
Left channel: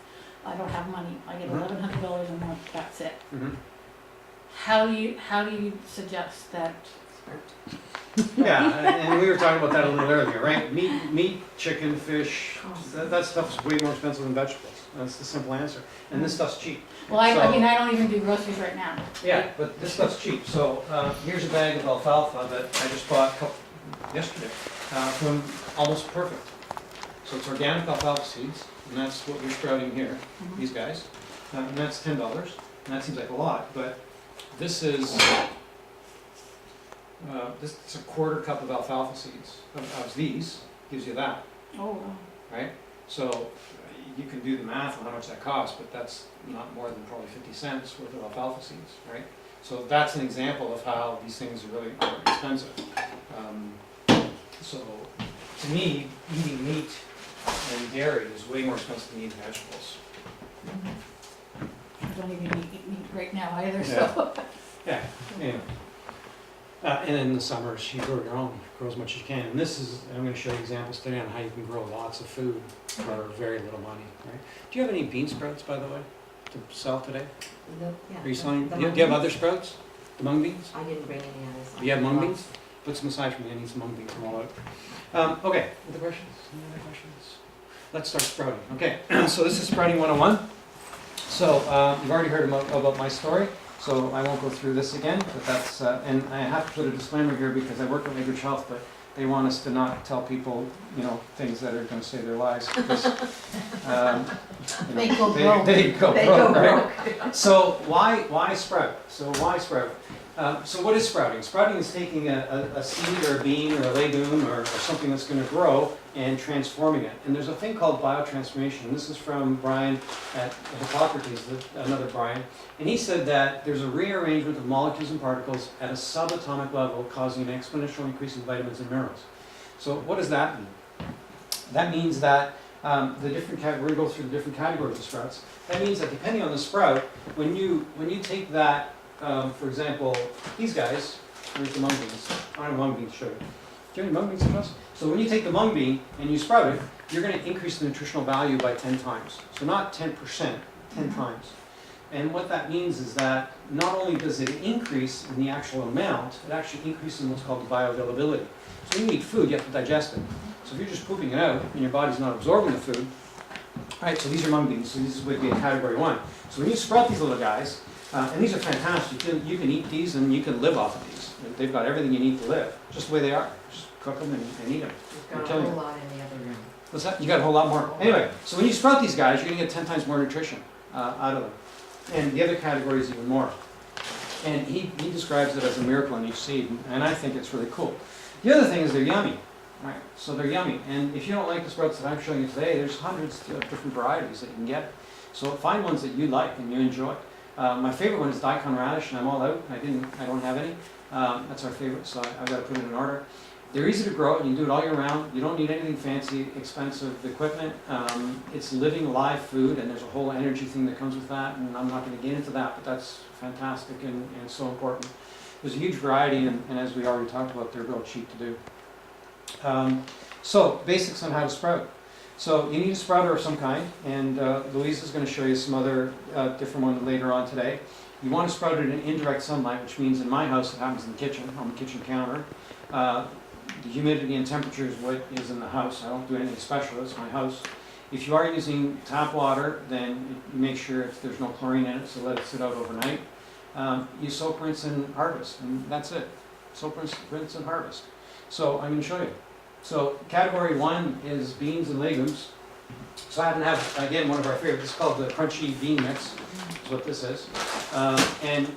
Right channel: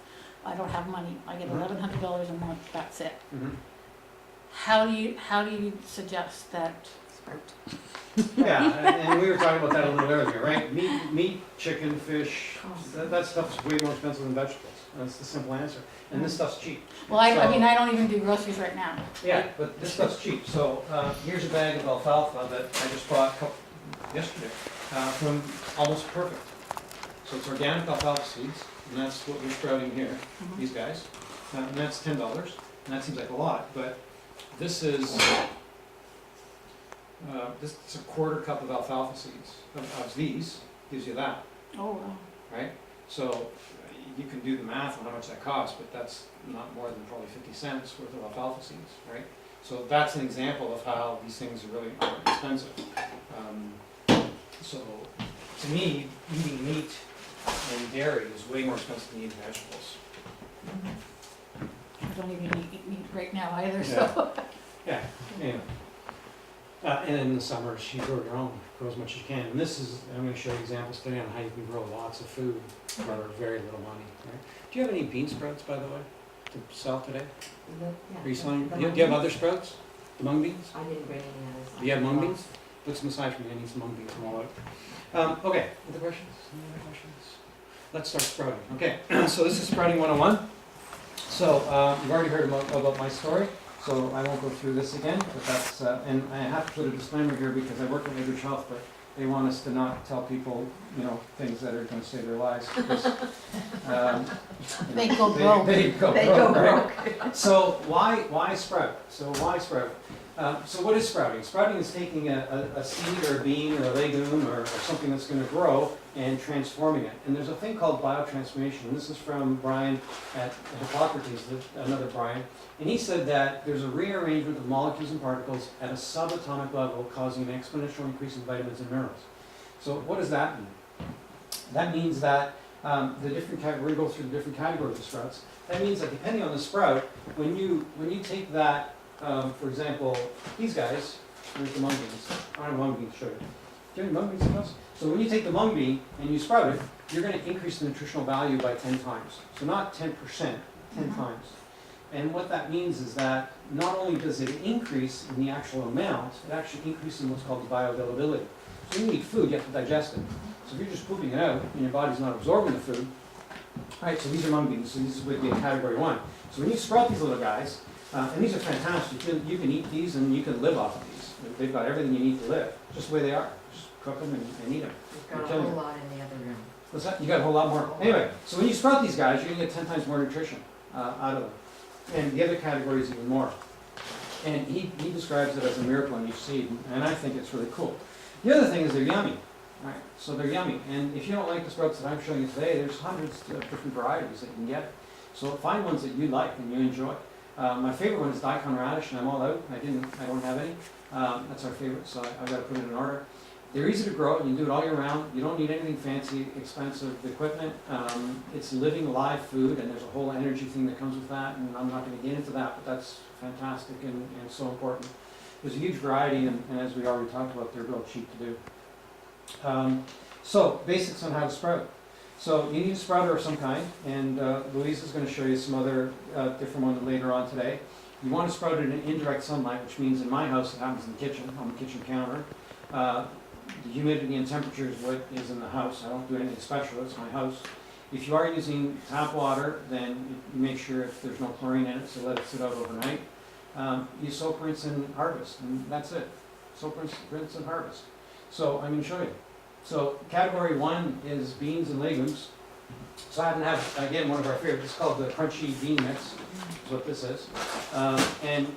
I don't have money. I get $1,100 a month. That's it. Mm-hmm. How do you suggest that? Yeah, and we were talking about that a little earlier, right? Meat, chicken, fish, that stuff's way more expensive than vegetables. That's the simple answer. And this stuff's cheap. Well, I So- mean, I don't even do groceries right now. Yeah, but this stuff's cheap. So here's a bag of alfalfa that I just bought yesterday from Almost Perfect. So it's organic alfalfa seeds, and that's what we're sprouting here, Mhm. these guys. And that's $10, and that seems like a lot, but this is, this is a quarter cup of alfalfa seeds, of these, gives you that, Oh, wow. right? So you can do the math on how much that costs, but that's not more than probably 50 cents worth of alfalfa seeds, right? So that's an example of how these things really aren't expensive. So to me, eating meat and dairy is way more expensive than eating vegetables. I don't even eat meat right now either, so. Yeah, anyway. And in the summers, you grow your own, grow as much as you can. And this is, I'm gonna show you examples today on how you can grow lots of food for very little money, right? Do you have any bean sprouts, by the way, to sell today? Are you selling, do you have other sprouts? The mung beans? I didn't bring any others. Do you have mung beans? Put some aside for me, I need some mung beans from all out. Okay, other questions? Any other questions? Let's start sprouting. Okay, so this is sprouting 101. So you've already heard about my story, so I won't go through this again, but that's, and I have to put a disclaimer here because I work at Lakeridge Health, but they want us to not tell people, things that are gonna save their lives. Because, They go broke. They go They go broke, right? So why sprout? So what is sprouting? Sprouting is taking a seed or a bean or a legume or something that's going to grow and transforming it. And there's a thing called biotransformation. This is from Brian at Hippocrates, another Brian. And he said that there's a rearrangement of molecules and particles at a subatomic level causing an exponential increase in vitamins and minerals. So what does that mean? That means that we're going to go through the different categories of sprouts. That means that depending on the sprout, when you take that, for example, these guys, here's the mung beans. I don't have mung beans to show you. Do you have any mung beans in us? So when you take the mung bean and you sprout it, you're going to increase the nutritional value by 10 times. So not 10%, 10 times. And what that means is that not only does it increase in the actual amount, it actually increases in what's called the bioavailability. So when you eat food, you have to digest it. So if you're just pooping it out and your body's not absorbing the food, right, so these are mung beans, so these would be in category 1. So when you sprout these little guys, and these are fantastic, you can eat these and you can live off of these. They've got everything you need to live, just the way they are. Just cook them and eat them. We've got a whole lot in the other room. What's that? You got a whole lot more. Anyway, so when you sprout these guys, you're going to get 10 times more nutrition out of them. And the other category is even more. And he describes it as a miracle in each seed, and I think it's really cool. The other thing is they're yummy. Right, so they're yummy, and if you don't like the sprouts that I'm showing you today, there's hundreds of different varieties that you can get. So find ones that you like and you enjoy. My favorite one is daikon radish, and I'm all out. I don't have any. That's our favorite, so I've got to put it in order. They're easy to grow, and you do it all year round. You don't need anything fancy, expensive equipment. It's living, live food, and there's a whole energy thing that comes with that, and I'm not going to get into that, but that's fantastic and so important. There's a huge variety, and as we already talked about, they're real cheap to do. So, basics on how to sprout. So, you need a sprouter of some kind, and Louise is going to show you some other different ones later on today. You want to sprout it in indirect sunlight, which means in my house it happens in the kitchen, on the kitchen counter. The humidity and temperature is what is in the house. I don't do anything special, it's my house. If you are using tap water, then you make sure there's no chlorine in it, so let it sit out overnight. You soak, rinse, and harvest, and that's it. Soak, rinse, and harvest. So I'm going to show you. So category 1 is beans and legumes. So I happen to have, again, one of our favorites. It's called the crunchy bean mix, is what this is. And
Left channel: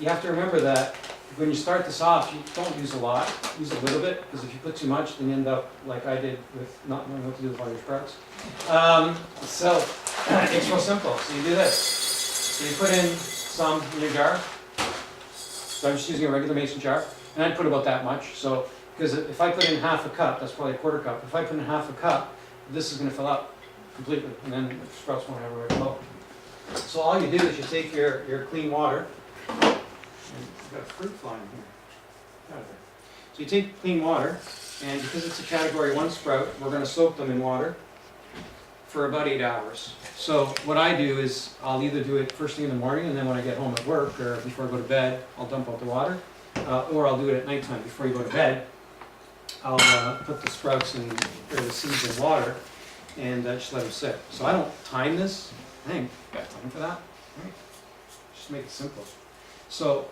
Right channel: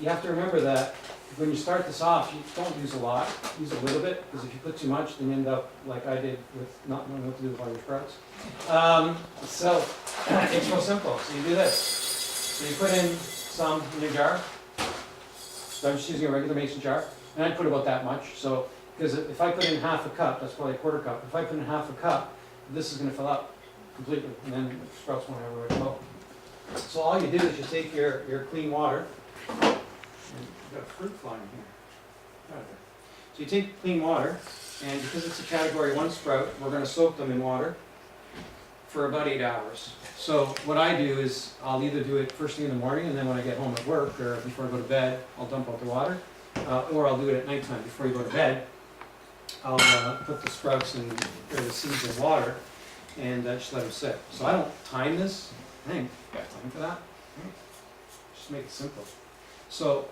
you have to remember that when you start this off, you don't use a lot. Use a little bit, because if you put too much, then you end up like I did with not knowing what to do with all your sprouts. So it's real simple. So you do this. So you put in some in your jar. So I'm just using a regular mason jar. And I put about that much. So because if I put in half a cup, that's probably a quarter cup. If I put in half a cup, this is going to fill up completely, and then the sprouts won't have a way to flow. So all you do is you take your clean water, and you've got a fruit flying here. Get out of there. So you take clean water, and because it's a category 1 sprout, we're going to soak them in water for about 8 hours. So what I do is I'll either do it first thing in the morning, and then when I get home at work or before I go to bed, I'll dump out the water, or I'll do it at nighttime before you go to bed. I'll put the sprouts and or the seeds in water and just let them sit. So I don't time this. I think you got time for that. Right? Just make it simple. So,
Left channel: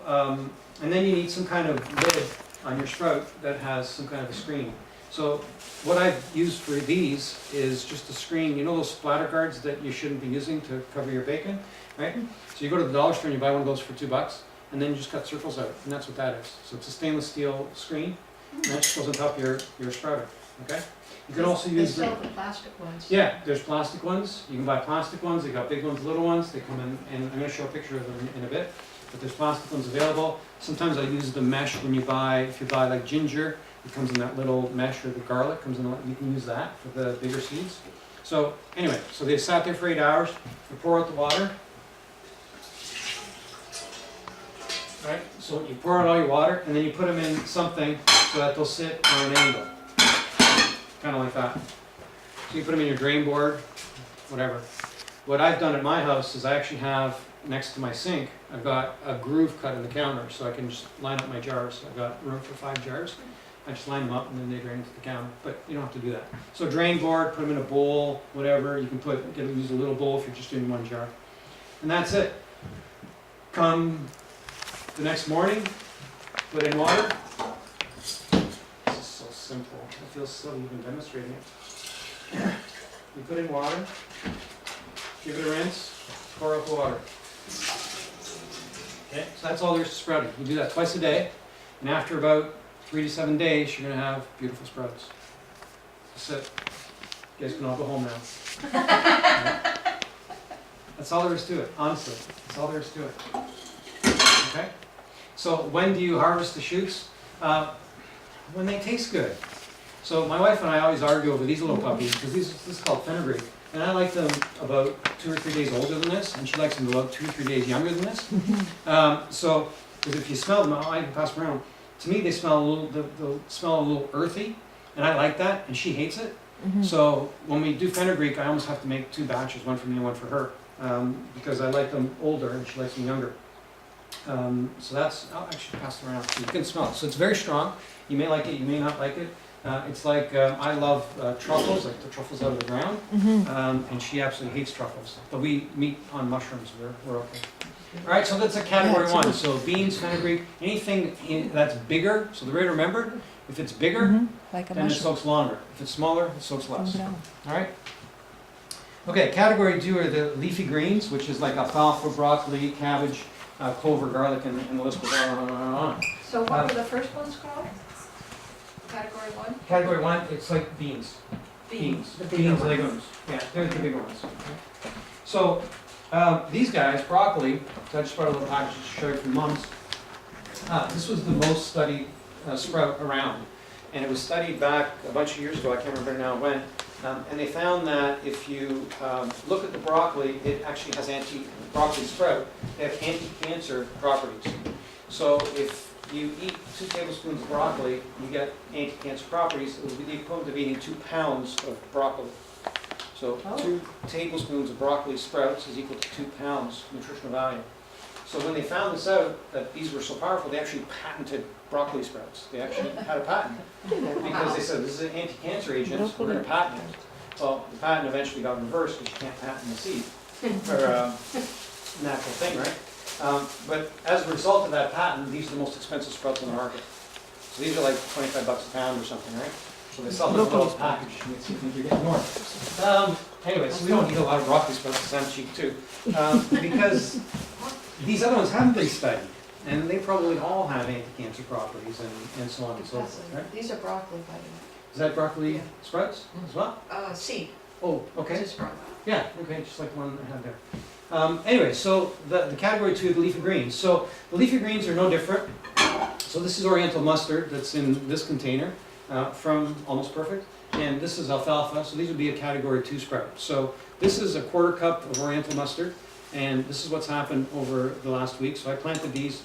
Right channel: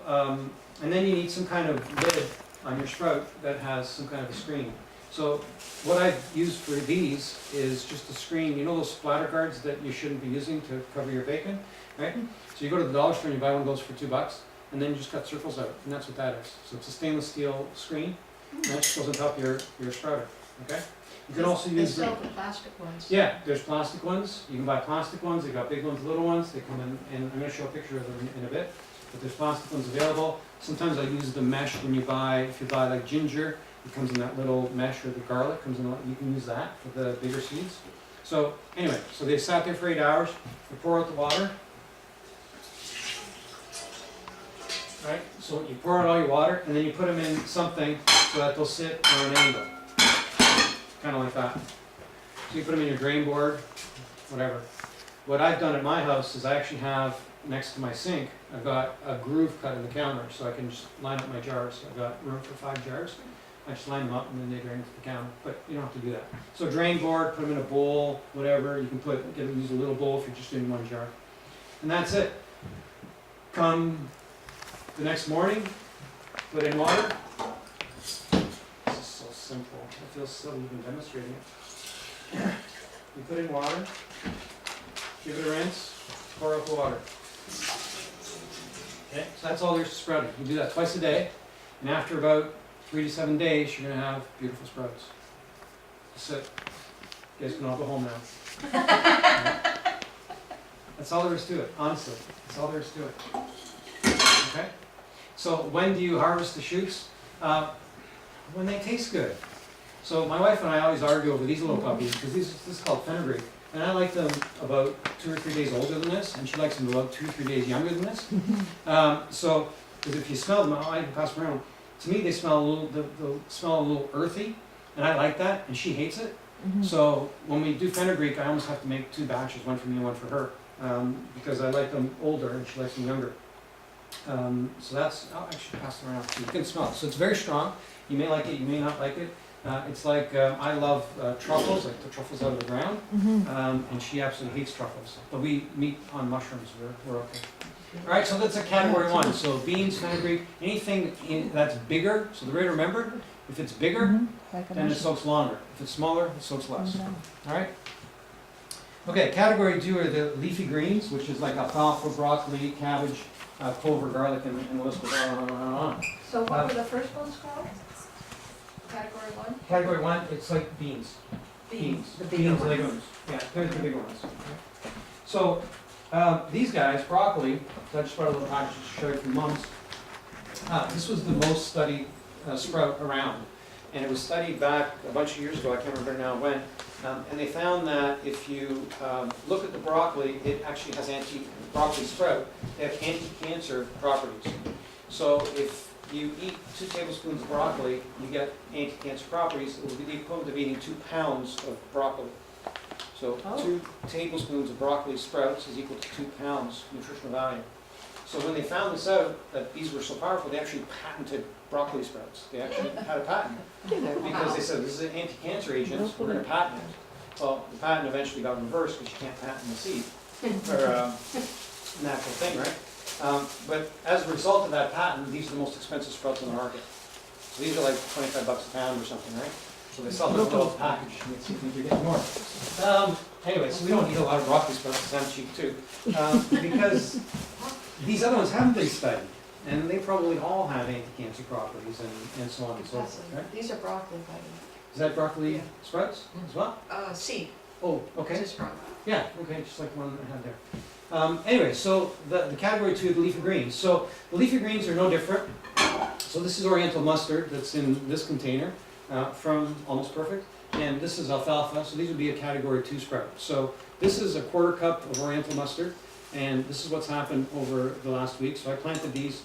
and then you need some kind of lid on your sprout that has some kind of a screen. So what I've used for these is just a screen, you know those splatter guards that you shouldn't be using to cover your bacon, right? So you go to the dollar store and you buy one of those for $2, and then you just cut circles out, and that's what that is. So it's a stainless steel screen, and that just goes on top of your sprouter, okay? You can also use They sell the plastic ones. yeah, there's plastic ones. You can buy plastic ones. They got big ones, little ones. They come in, and I'm going to show a picture of them in a bit. But there's plastic ones available. Sometimes I use the mesh when if you buy like ginger, it comes in that little mesh, or the garlic comes in. You can use that for the bigger seeds. So anyway, so they sat there for 8 hours. You pour out the water. Right. So you pour out all your water, and then you put them in something so that they'll sit on an angle, kind of like that. So you put them in your drain board, whatever. What I've done at my house is I actually have, next to my sink, I've got a groove cut in the counter, so I can just line up my jars. I've got room for 5 jars. I just line them up and then they drain to the counter, but you don't have to do that. So drain board, put them in a bowl, whatever. You can use a little bowl if you're just doing 1 jar. And that's it. Come the next morning, put in water. This is so simple. I feel silly even demonstrating it. You put in water, give it a rinse, pour out the water. Okay, so that's all there is to sprouting. You do that twice a day, and after about 3 to 7 days, you're going to have beautiful sprouts. That's it. You guys can all go home now. That's all there is to it, honestly. That's all there is to it. Okay? So when do you harvest the shoots? When they taste good. So my wife and I always argue over these little puppies, because this is called fenugreek. And I like them about 2 or 3 days older than this, and she likes them about 2 or 3 days younger than this. So, because if you smell them, I can pass them around. To me, they smell they'll smell a little earthy, and I like that, and she hates it. So when we do fenugreek, I almost have to make 2 batches, one for me and one for her, because I like them older and she likes them younger. So that's, I'll actually pass it around. You can smell it. So it's very strong. You may like it, you may not like it. It's like, I love truffles, like the truffles out of the ground, and she absolutely hates truffles. But we meet on mushrooms, we're okay. All right, so that's a category 1. So beans, fenugreek, anything that's bigger. So the way to remember, if it's bigger, Like a then it mushroom. soaks longer. If it's smaller, it soaks less. All right? Okay, category 2 are the leafy greens, which is like alfalfa, broccoli, cabbage, clover, garlic, and the list goes on and on and on. So what were the first ones called? Category 1? Category 1, it's like beans. Beans. The bigger Beans, ones. legumes. Yeah, they're the bigger ones. So these guys, broccoli, so I just brought a little package to show you from Mom's. This was the most studied sprout around. And it was studied back a bunch of years ago, I can't remember now when. And they found that if you look at the broccoli, it actually has broccoli sprout, they have anti-cancer properties. So if you eat 2 tablespoons of broccoli, you get anti-cancer properties. It will be the equivalent of eating 2 pounds of broccoli. So 2 tablespoons of broccoli sprouts is equal to 2 pounds nutritional value. So when they found this out, that these were so powerful, they actually patented broccoli sprouts. They actually had a patent because they said this is an anti-cancer agent, we're going to patent it. Well, the patent eventually got reversed because you can't patent the seed, or natural thing, right? But as a result of that patent, these are the most expensive sprouts on the market. So these are like $25 a pound or something, right? So they sell this little package, and see if you're getting more. Anyway, so we don't eat a lot of broccoli sprouts because I'm cheap too. Because these other ones haven't been studied, and they probably all have anti-cancer properties and so on and so forth, right? These are broccoli, by the way. Is that broccoli sprouts as well? Seed. Oh, okay. Just broccoli. Yeah, okay, just like the one I had there. Anyway, so the category 2, the leafy greens. So the leafy greens are no different. So this is Oriental mustard that's in this container from Almost Perfect. And this is alfalfa, so these would be a category 2 sprout. So this is a 1/4 cup of Oriental mustard. And this is what's happened over the last week. So I planted these.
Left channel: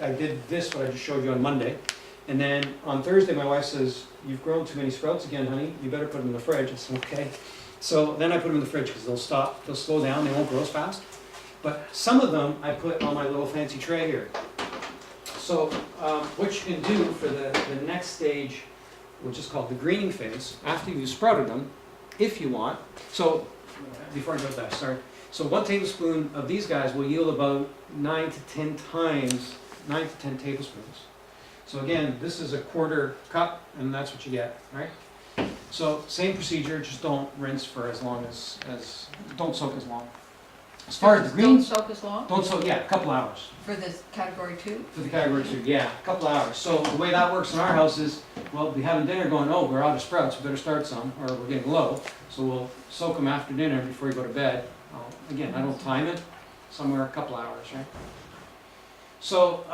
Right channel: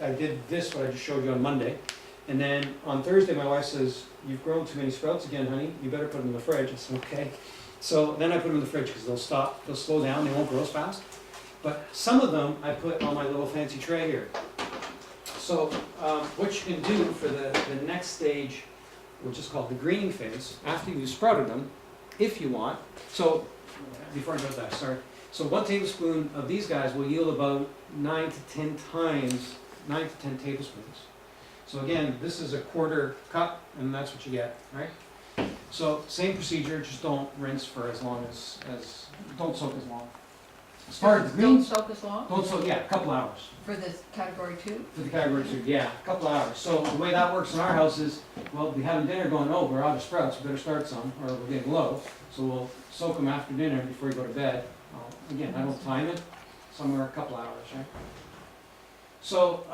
I did this, what I just showed you on Monday. And then on Thursday, my wife says, "You've grown too many sprouts again, honey. You better put them in the fridge." I said, "Okay." So then I put them in the fridge because they'll slow down. They won't grow as fast. But some of them I put on my little fancy tray here. So what you can do for the next stage, which is called the greening phase, after you've sprouted them, if you want. So before I go to that, sorry. So 1 tablespoon of these guys will yield about 9 to 10 tablespoons. So So again, this is a quarter cup, and that's what you get, right? So same procedure, just don't rinse for as long as don't soak as long. As far as the Don't greens, soak as long? don't soak, yeah, a couple hours. For this category 2? For the category 2, yeah, a couple hours. So the way that works in our house is, well, we having dinner going, oh, we're out of sprouts, we better start some, or we're getting low. So we'll soak them after dinner before you go to bed. Again, I don't time it, somewhere a couple hours, right? So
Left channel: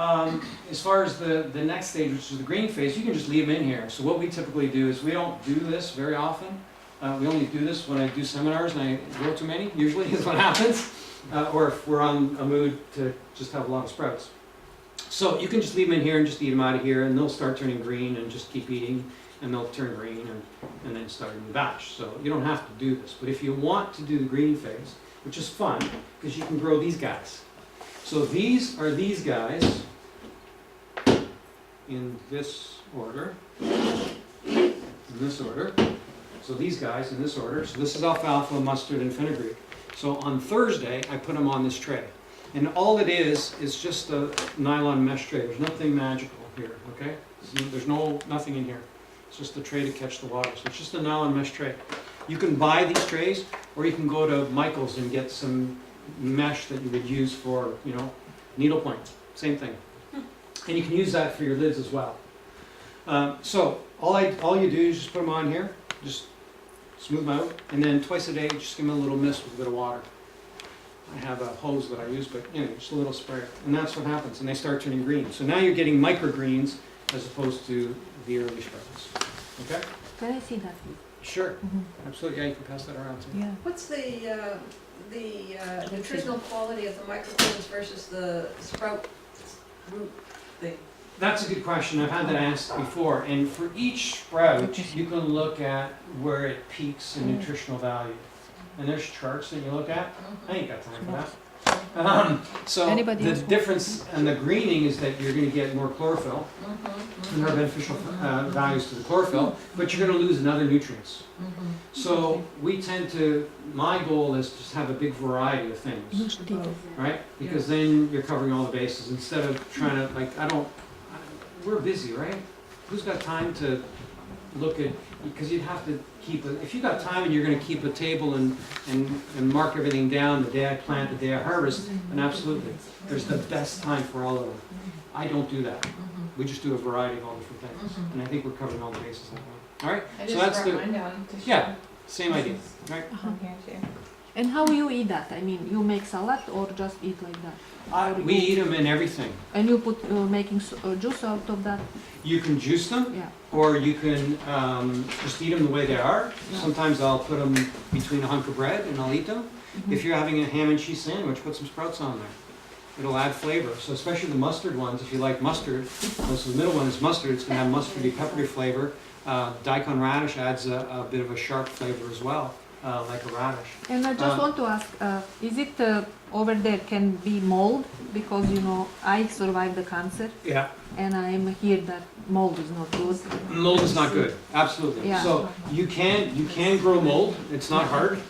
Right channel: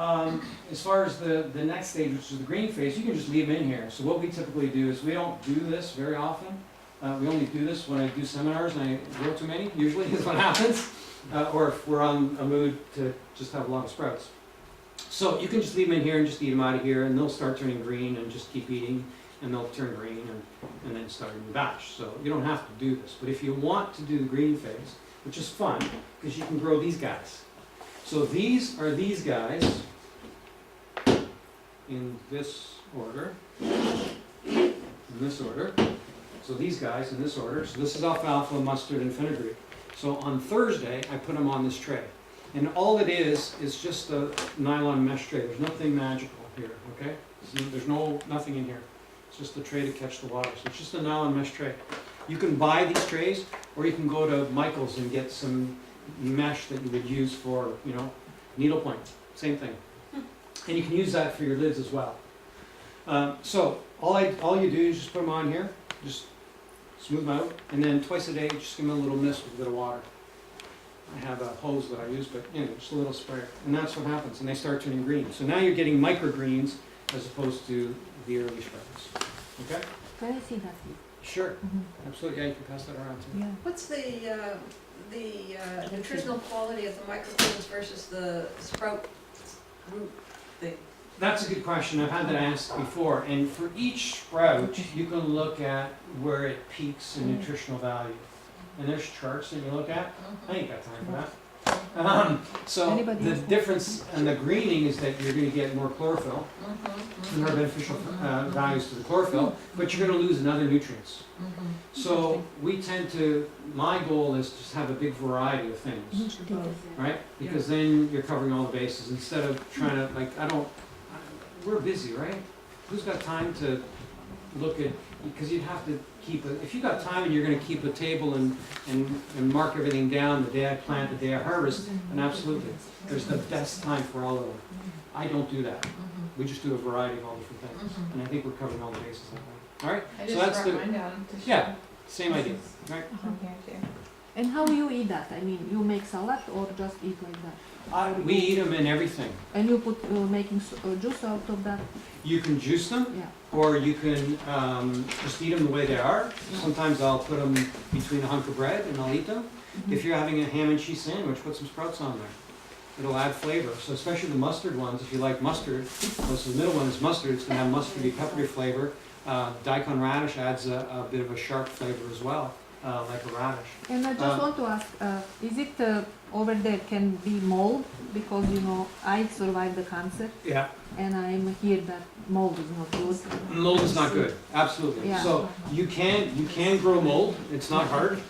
as far as the next stage, which is the green phase, you can just leave them in here. So what we typically do is we don't do this very often. We only do this when I do seminars and I go too many, usually is what happens. Or if we're on a mood to just have a lot of sprouts. So you can just leave them in here and just eat them out of here, and they'll start turning green, and just keep eating, and they'll turn green, and then start a new batch. So you don't have to do this. But if you want to do the green phase, which is fun, because you can grow these guys. So these are these guys in this order, in this order. So these guys in this order. So this is alfalfa, mustard, and fenugreek. So on Thursday, I put them on this tray. And all it is just a nylon mesh tray. There's nothing magical here, okay? There's nothing in here. It's just a tray to catch the water. So it's just a nylon mesh tray. You can buy these trays, or you can go to Michael's and get some mesh that you would use for, you know, needlepoint. Same thing. And you can use that for your lids as well. So all you do is just put them on here, just smooth them out, and then twice a day, just give them a little mist with a bit of water. I have a hose that I use, but anyway, just a little spray. And that's what happens, and they start turning green. So now you're getting microgreens as opposed to the early sprouts. Okay? Can I see that? Sure. Absolutely. Yeah, you can pass that around too. Yeah. What's the nutritional quality of the microgreens versus the sprout root thing? That's a good question. I've had that asked before. And for each sprout, you can look at where it peaks in nutritional value. And there's charts that you look at. I ain't got time for that. So Anybody the else? difference in the greening is that you're going to get more chlorophyll. And there are beneficial values to the chlorophyll, but you're going to lose in other nutrients. So we tend to, my goal is just have a big variety of things, right? Because then you're covering all the bases instead of trying to, like, we're busy, right? Who's got time to look at, because you'd have to keep it, if you got time and you're going to keep a table and mark everything down the day I plant, the day I harvest, then absolutely. There's the best time for all of them. I don't do that. We just do a variety of all different things. And I think we're covering all the bases that way. All right? I So just that's brought the, mine down to show. yeah, same idea, right? From here too. And how you eat that? I mean, you make salad or just eat like that? We eat them in everything. And you put making juice out of that? You can juice them, Yeah. or you can just eat them the way they are. Yeah. Sometimes I'll put them between a hunk of bread and I'll eat them. If you're having a ham and cheese sandwich, put some sprouts on there. It'll add flavor. So especially the mustard ones, if you like mustard, so the middle one is mustard, it's going to have mustardy, peppery flavor. Daikon radish adds a bit of a sharp flavor as well, like a radish. And I just want to ask, is it over there can be mold? Because, you know, I survived the cancer Yeah. and I'm here that mold is not good. Mold is not good, absolutely. Yeah. So you can grow mold, it's not hard.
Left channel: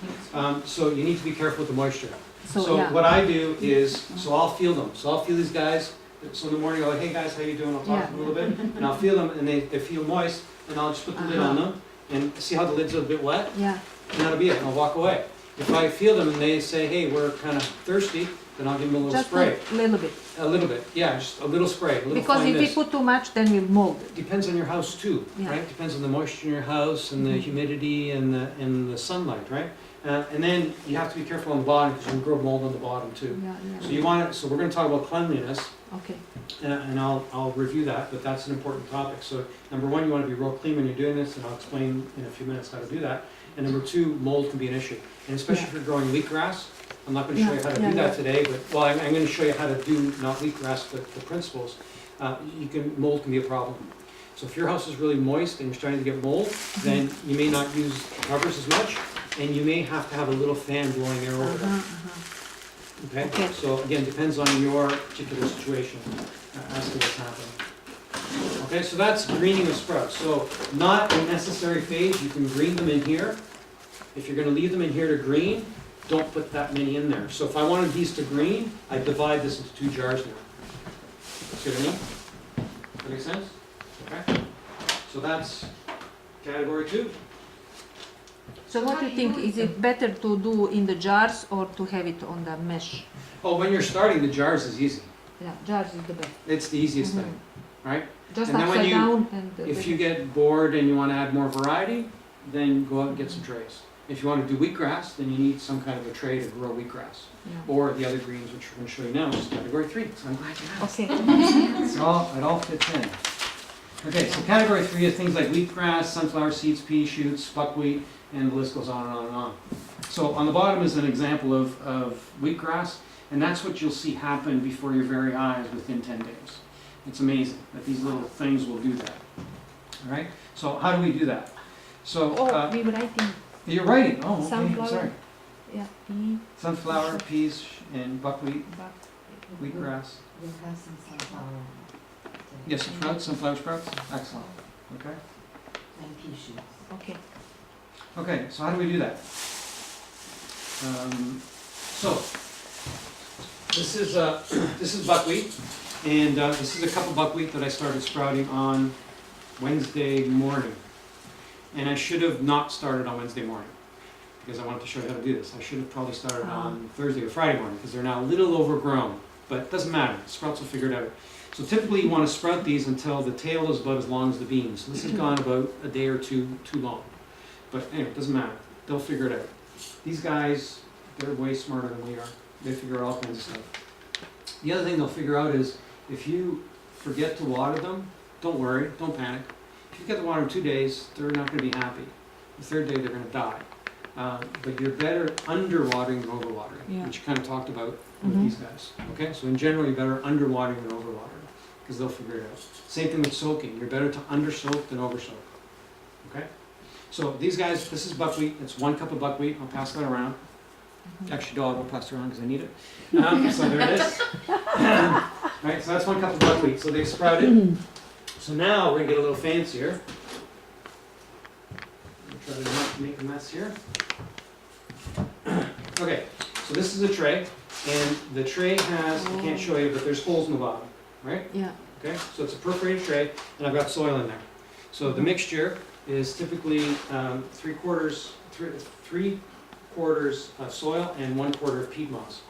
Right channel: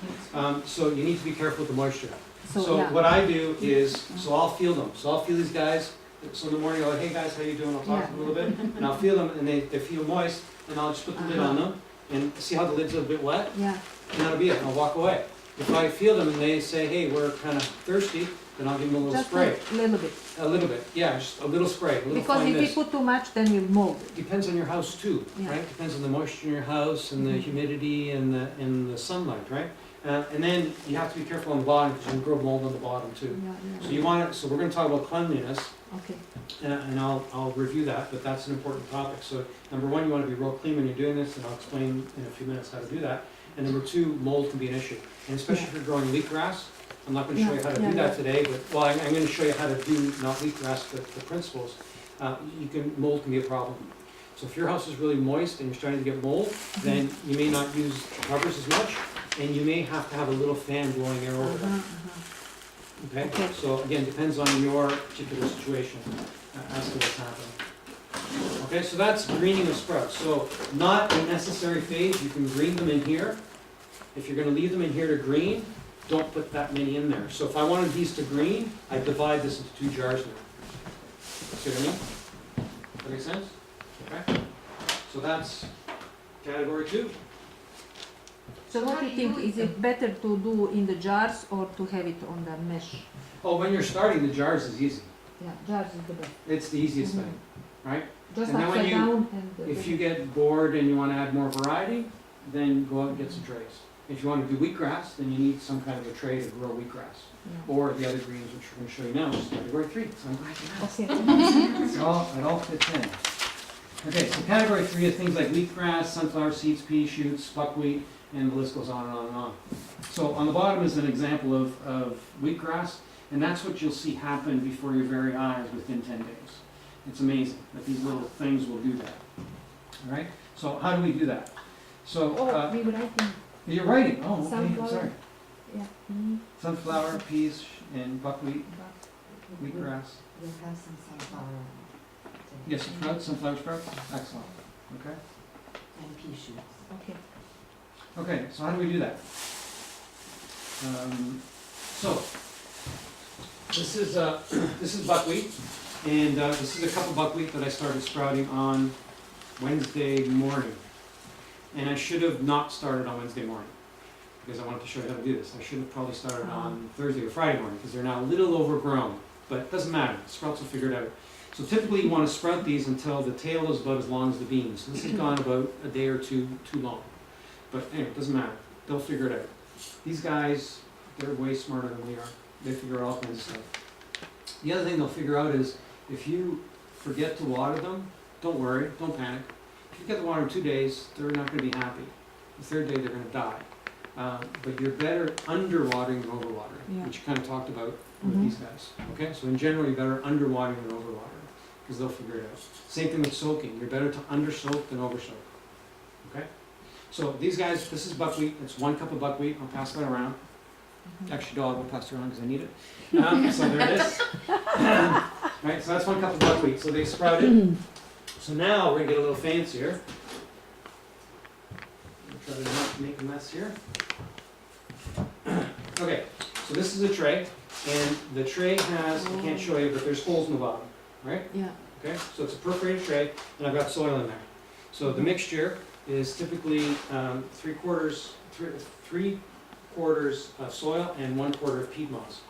So you need to be careful with the moisture. So yeah. what I do is, so I'll feel them. So I'll feel these guys. So in the morning I'll go, hey guys, how you doing? I'll talk to them a little bit. And I'll feel them and they feel moist. And I'll just put the lid on them and see how the lid's a bit wet. Yeah. And that'll be it, and I'll walk away. If I feel them and they say, hey, we're kind of thirsty, then I'll give them a little Just spray. a little bit. A little bit, yeah, just a little spray, a little Because fine if you mist. put too much, then you mold it. Depends on your house too, Yeah. right? Depends on the moisture in your house and the humidity and the sunlight, right? And then you have to be careful on the bottom because you can grow mold on the bottom too. Yeah, So yeah. you want it. So we're going to talk about cleanliness, Okay. and I'll review that. But that's an important topic. So number one, you want to be real clean when you're doing this, and I'll explain in a few minutes how to do that. And number two, mold can be an issue, and especially if you're growing wheatgrass. I'm not going to show you how to do that today, but well, I'm going to show you how to do not wheatgrass, but the principles. Mold can be a problem. So if your house is really moist and you're starting to get mold, then you may not use covers as much, and you may have to have a little fan blowing air over it. Okay? Okay. So again, depends on your particular situation as to what's happening. Okay, so that's greening of sprouts. So not a necessary phase. You can green them in here. If you're going to leave them in here to green, don't put that many in there. So if I wanted these to green, I divide this into 2 jars now. See what I mean? That make sense? Okay? So that's category 2. So what do you think, is it better to do in the jars or to have it on the mesh? Oh, when you're starting, the jars is easy. Yeah, jars is the best. It's the easiest thing, right? Just And then when upside you- down and. If you get bored and you want to add more variety, then go out and get some trays. If you want to do wheatgrass, then you need some kind of a tray to grow wheatgrass. Yeah. Or the other greens, which we're going to show you now, which is category 3. So I'm glad you asked. Okay. It all fits in. Okay, so category 3 is things like wheatgrass, sunflower seeds, pea shoots, buckwheat, and the list goes on and on and on. So on the bottom is an example of wheatgrass, and that's what you'll see happen before your very eyes within 10 days. It's amazing that these little things will do that. All right, so how do we do that? So Oh, we were writing, you're writing. Oh, okay, Sunflower. sorry. yeah, pea, Sunflower, peas, and buckwheat, buck. wheatgrass. We'll have some sunflower. Yes, sprouts, sunflower sprouts. Excellent. Okay. And pea shoots. Okay. Okay, so how do we do that? So this is buckwheat, and this is a cup of buckwheat that I started sprouting on Wednesday morning. And I should have not started on Wednesday morning, because I wanted to show you how to do this. I should have probably started on Thursday or Friday morning, because they're now a little overgrown, but it doesn't matter, the sprouts will figure it out. So typically you want to sprout these until the tail is about as long as the beans. So this has gone about a day or two too long. But anyway, it doesn't matter, they'll figure it out. These guys, they're way smarter than we are. They figure out all kinds of stuff. The other thing they'll figure out is, if you forget to water them, don't worry, don't panic. If you forget to water them 2 days, they're not going to be happy. The third day, they're going to die. But you're better underwatering than overwatering, Yeah. which you kind of talked about with Mhm. these guys. Okay, so in general, you're better underwatering than overwatering, because they'll figure it out. Same thing with soaking. You're better to undersoak than oversoak. Okay, so these guys, this is buckwheat. It's 1 cup of buckwheat. I'll pass that around. Actually, dog, I'll pass it around because I need it. So there it is. Right, so that's 1 cup of buckwheat. So they sprouted. So now we're gonna get a little fancier. I'm gonna try to not make a mess here. Okay, so this is a tray, and the tray has, I can't show you, but there's holes in the bottom, right? Yeah. Okay, so it's a perforated tray, and I've got soil in there. So the mixture is typically 3/4 soil and 1/4 of peat moss.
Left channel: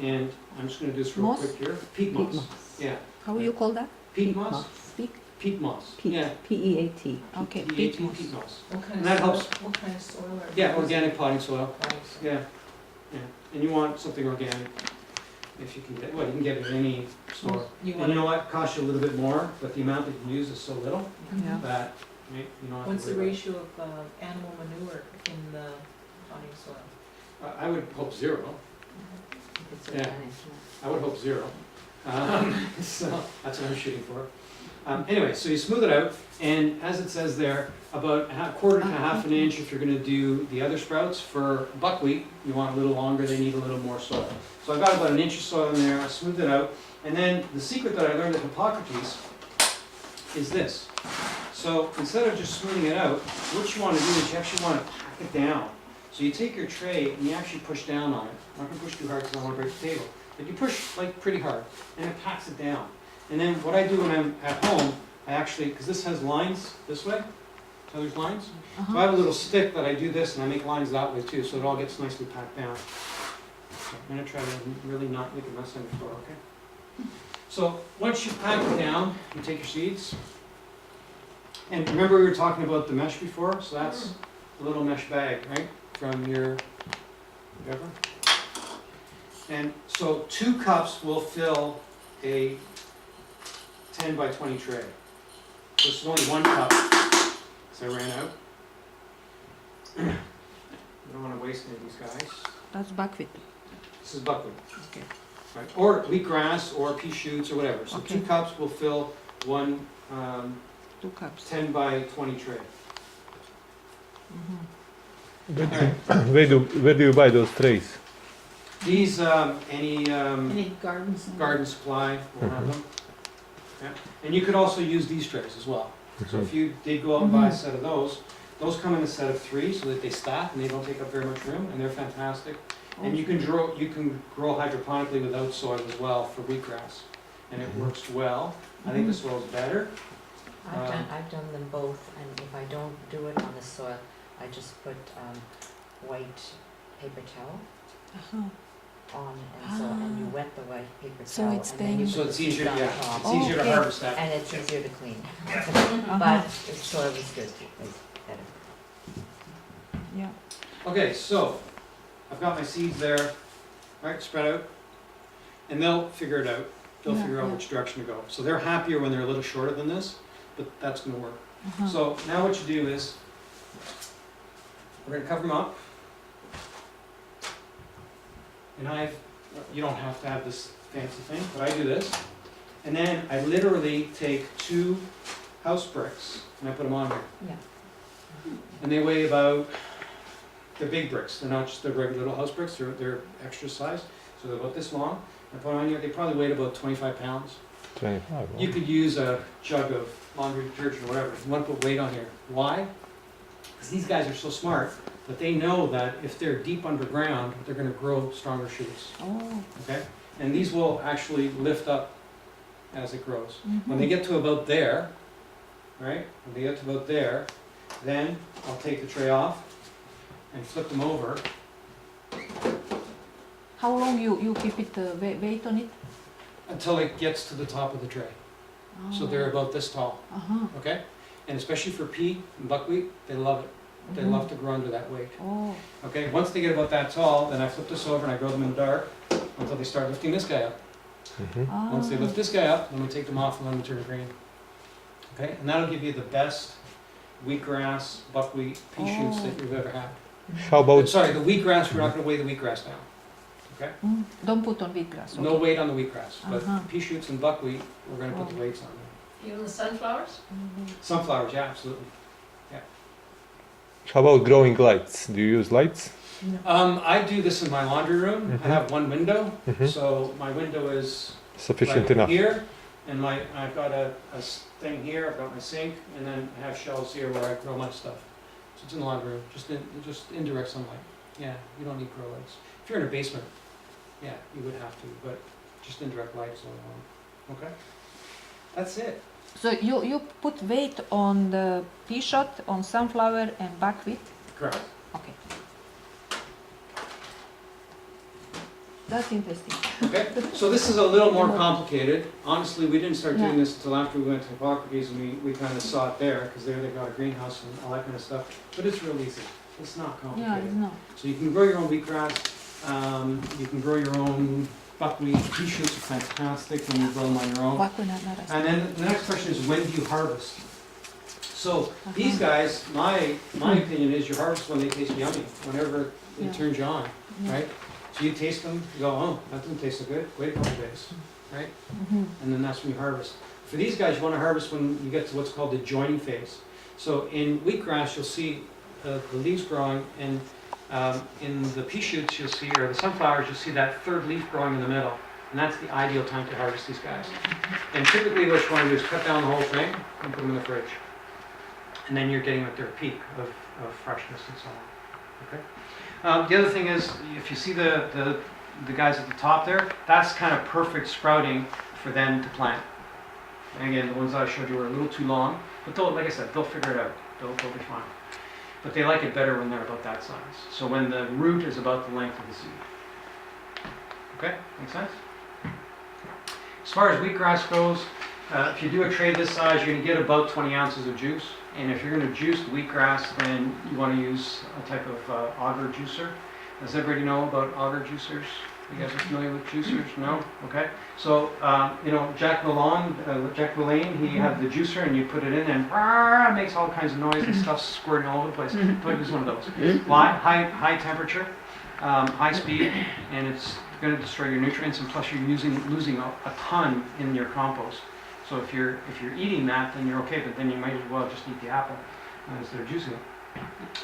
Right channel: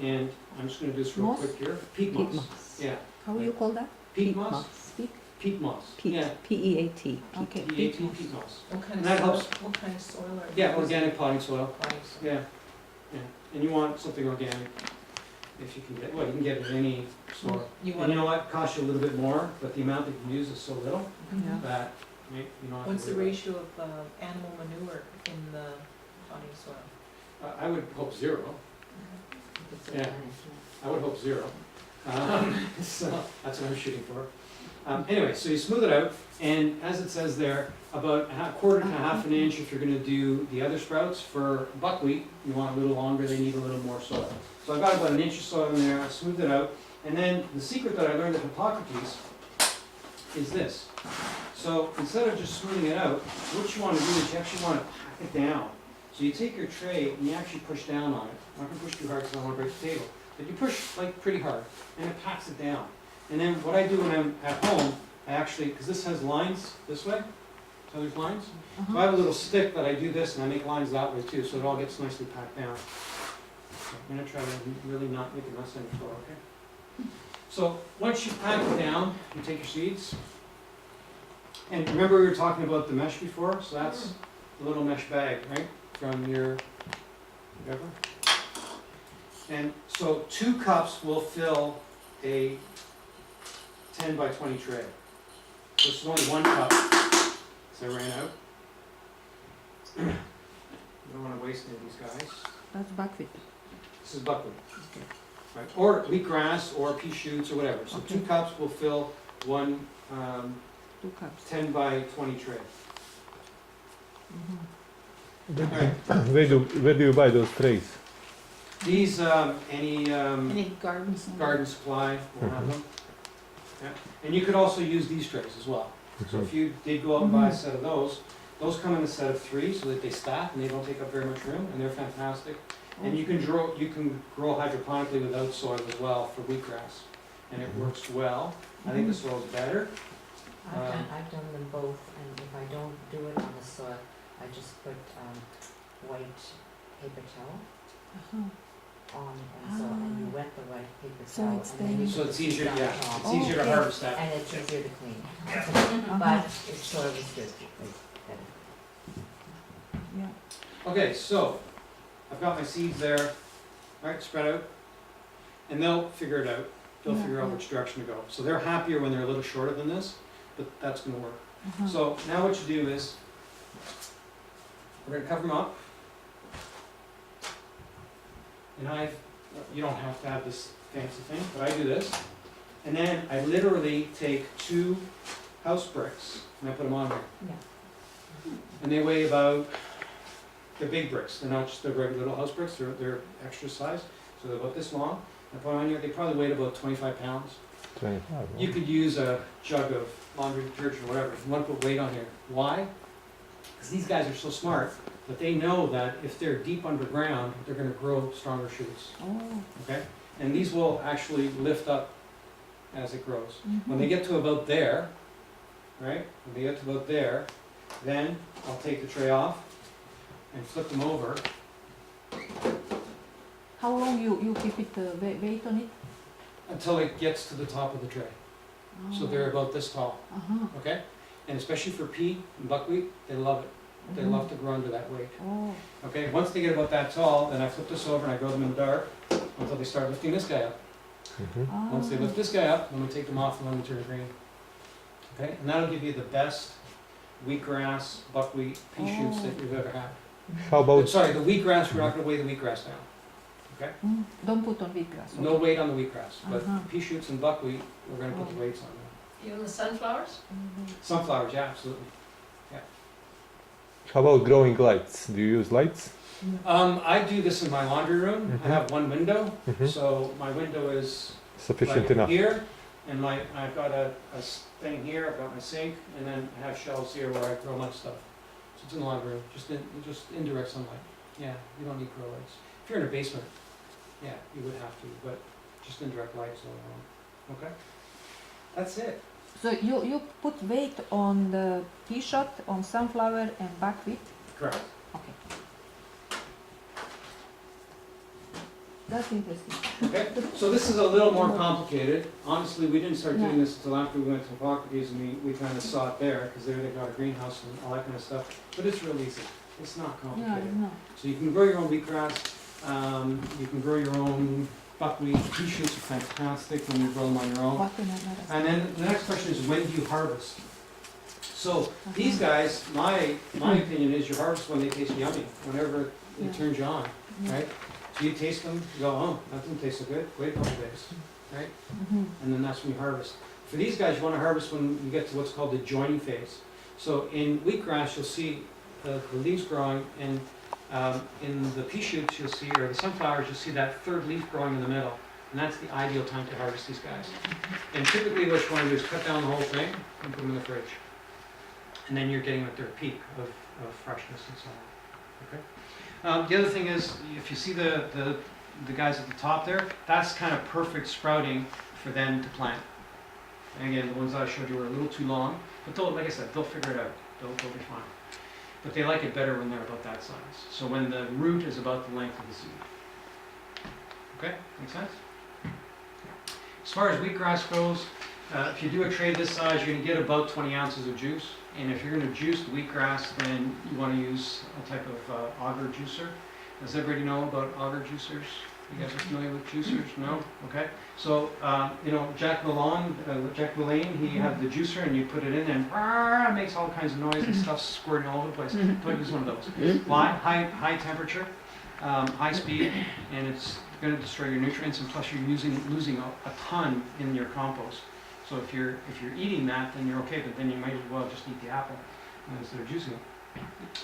And I'm just gonna do this real Moss? quick here. Peat moss. Yeah, How you call that? peat moss. Peat. Peat moss. Peat. Yeah. P-E-A-T. Okay. Peat moss. What kind And that helps. What kind of soil are you Yeah, using? organic potting soil. Potting soil. Yeah, yeah. And you want something organic if you can get, well, you can get it in any store. You And want, you know what, costs you a little bit more, but the amount that you use is so little Yeah. that you don't have to what's the worry ratio of animal manure in the potting soil? about it. I would hope 0. If it's Yeah. organic, yeah. I would hope 0. So that's what I'm shooting for. Anyway, so you smooth it out, and as it says there, about a quarter to half an inch if you're going to do the other sprouts. For buckwheat, you want a little longer, they need a little more soil. So I've got about 1 inch of soil in there, I smoothed it out, and then the secret that I learned at Hippocrates is this. So instead of just smoothing it out, what you want to do is you actually want to pack it down. So you take your tray and you actually push down on it. I'm not going to push too hard because I don't want to break the table. But you push like pretty hard, and it packs it down. And then what I do when I'm at home, I actually, because this has lines this way, so there's lines. So I have a little stick that I do this, and I make lines that way too, so it all gets nicely packed down. Okay, I'm gonna try to really not make a mess on the floor, okay? So once you pack it down, you take your seeds. And remember we were talking about the mesh before, so that's the little mesh bag, right, from your whatever. And so 2 cups will fill a 10 by 20 tray. This is only 1 cup, so I ran out. I don't want to waste any of these guys. That's buckwheat. This is buckwheat. Okay. Right. Or wheatgrass, or pea shoots, or whatever. So Okay. 2 cups will fill 1 2 cups. 10 by 20 tray. Where do you buy those trays? These, any Any gardens? garden supply will have them. Yeah. And you could also use these trays as well. So if you did go out and buy a set of those come in a set of 3 so that they stack and they don't take up very much room, and they're fantastic. And you can grow hydroponically without soil as well for wheatgrass, and it works well. I think the soil's better, I've done them both, and if I don't do it on the soil, I just put white paper towel on, and you wet the white paper So towel, it's and then you then- So put it's the easier, seed on yeah, top, it's easier to Okay. harvest that. and it's easier to clean. Uh-huh. But if soil is good, it's better. Yeah. Okay, so I've got my seeds there, right, spread out, and they'll figure it out. They'll Yeah, figure out yeah. which direction to go. So they're happier when they're a little shorter than this, but that's gonna work. Uh-huh. So now what you do is, we're gonna cover them up. And you don't have to have this fancy thing, but I do this. And then I literally take 2 house bricks and I put them on there. Yeah. And they weigh about, they're big bricks, they're not just the regular little house bricks, they're extra size. So they're about this long. I put them on here, they probably weigh about 25 pounds. 25. You could use a jug of laundry detergent or whatever, if you want to put weight on here. Why? Because these guys are so smart, but they know that if they're deep underground, they're gonna grow stronger shoots, Oh. okay? And these will actually lift up as it grows. When they Mhm. get to about there, right, when they get to about there, then I'll take the tray off and flip them over. How long you keep it weight on it? Until it gets to the top of the tray. So they're about this tall, Uh-huh. okay? And especially for pea and buckwheat, they love it. They love to grow under that weight. Oh. Okay, once they get about that tall, then I flip this over and I grow them in the dark until they start lifting this guy up. Mhm. Once they lift this guy up, then we take them off and let them turn green. Okay, and that'll give you the best wheatgrass, buckwheat, pea shoots that you've ever had. How about Sorry, the wheatgrass, we're not gonna weigh the wheatgrass down. Okay? Mm. Don't put on wheatgrass. No weight on the wheatgrass, but Uh-huh. pea shoots and buckwheat, we're gonna put the Oh. weights on them. Even the sunflowers? Mhm. Sunflowers, yeah, absolutely. how about growing lights? Do you use lights? I do this in my laundry room. I Mhm. have one window, Mhm. so my window is Sufficient like enough. here, and I've got a thing here, I've got my sink, and then I have shelves here where I grow my stuff. So it's in the laundry room, just indirect sunlight. Yeah, you don't need grow lights. If you're in a basement, yeah, you would have to, but just indirect lights all along. Okay? That's it. So you put weight on the pea shot, on sunflower and buckwheat? Correct. Okay. That's interesting. Okay, so this is a little more complicated. Honestly, we didn't start doing Yeah. this until after we went to Hippocrates and we kind of saw it there, because there they got a greenhouse and all that kind of stuff. But it's real easy. It's not Yeah, complicated. no. So you can grow your own wheatgrass, you can grow your own buckwheat. Pea shoots are fantastic when you grow them on your own. And then the next question is, when do you harvest? So these guys, my opinion is you harvest when they taste yummy, whenever it Yeah. turns you on, Yeah. right? So you taste them, you go, oh, that doesn't taste so good, wait a couple days, right? Mhm. And then that's when you harvest. For these guys, you want to harvest when you get to what's called the joining phase. So in wheatgrass, you'll see the leaves growing, and in the pea shoots, you'll see, or the sunflowers, you'll see that third leaf growing in the middle. And that's the ideal time to harvest these guys. And typically what you want to do is cut down the whole thing and put them in the fridge. And then you're getting at their peak of freshness and so on. Okay. The other thing is, if you see the guys at the top there, that's kind of perfect sprouting for them to plant. And again, the ones that I showed you were a little too long, but they'll, like I said, they'll figure it out. They'll be fine. But they like it better when they're about that size. So when the root is about the length of the seed. Okay, make sense? As far as wheatgrass goes, if you do a tray this size, you're going to get about 20 ounces of juice. And if you're going to juice wheatgrass, then you want to use a type of auger juicer. Does everybody know about auger juicers? You guys are familiar with juicers? No? Okay. So, Jack LaLanne, he had the juicer and you put it in and it makes all kinds of noise and stuff squirting all over the place. Don't use one of those. Why? High temperature, high speed, and it's going to destroy your nutrients, and plus you're losing a ton in your compost. So if you're eating that, then you're okay, but then you might as well just eat the apple instead of juicing it.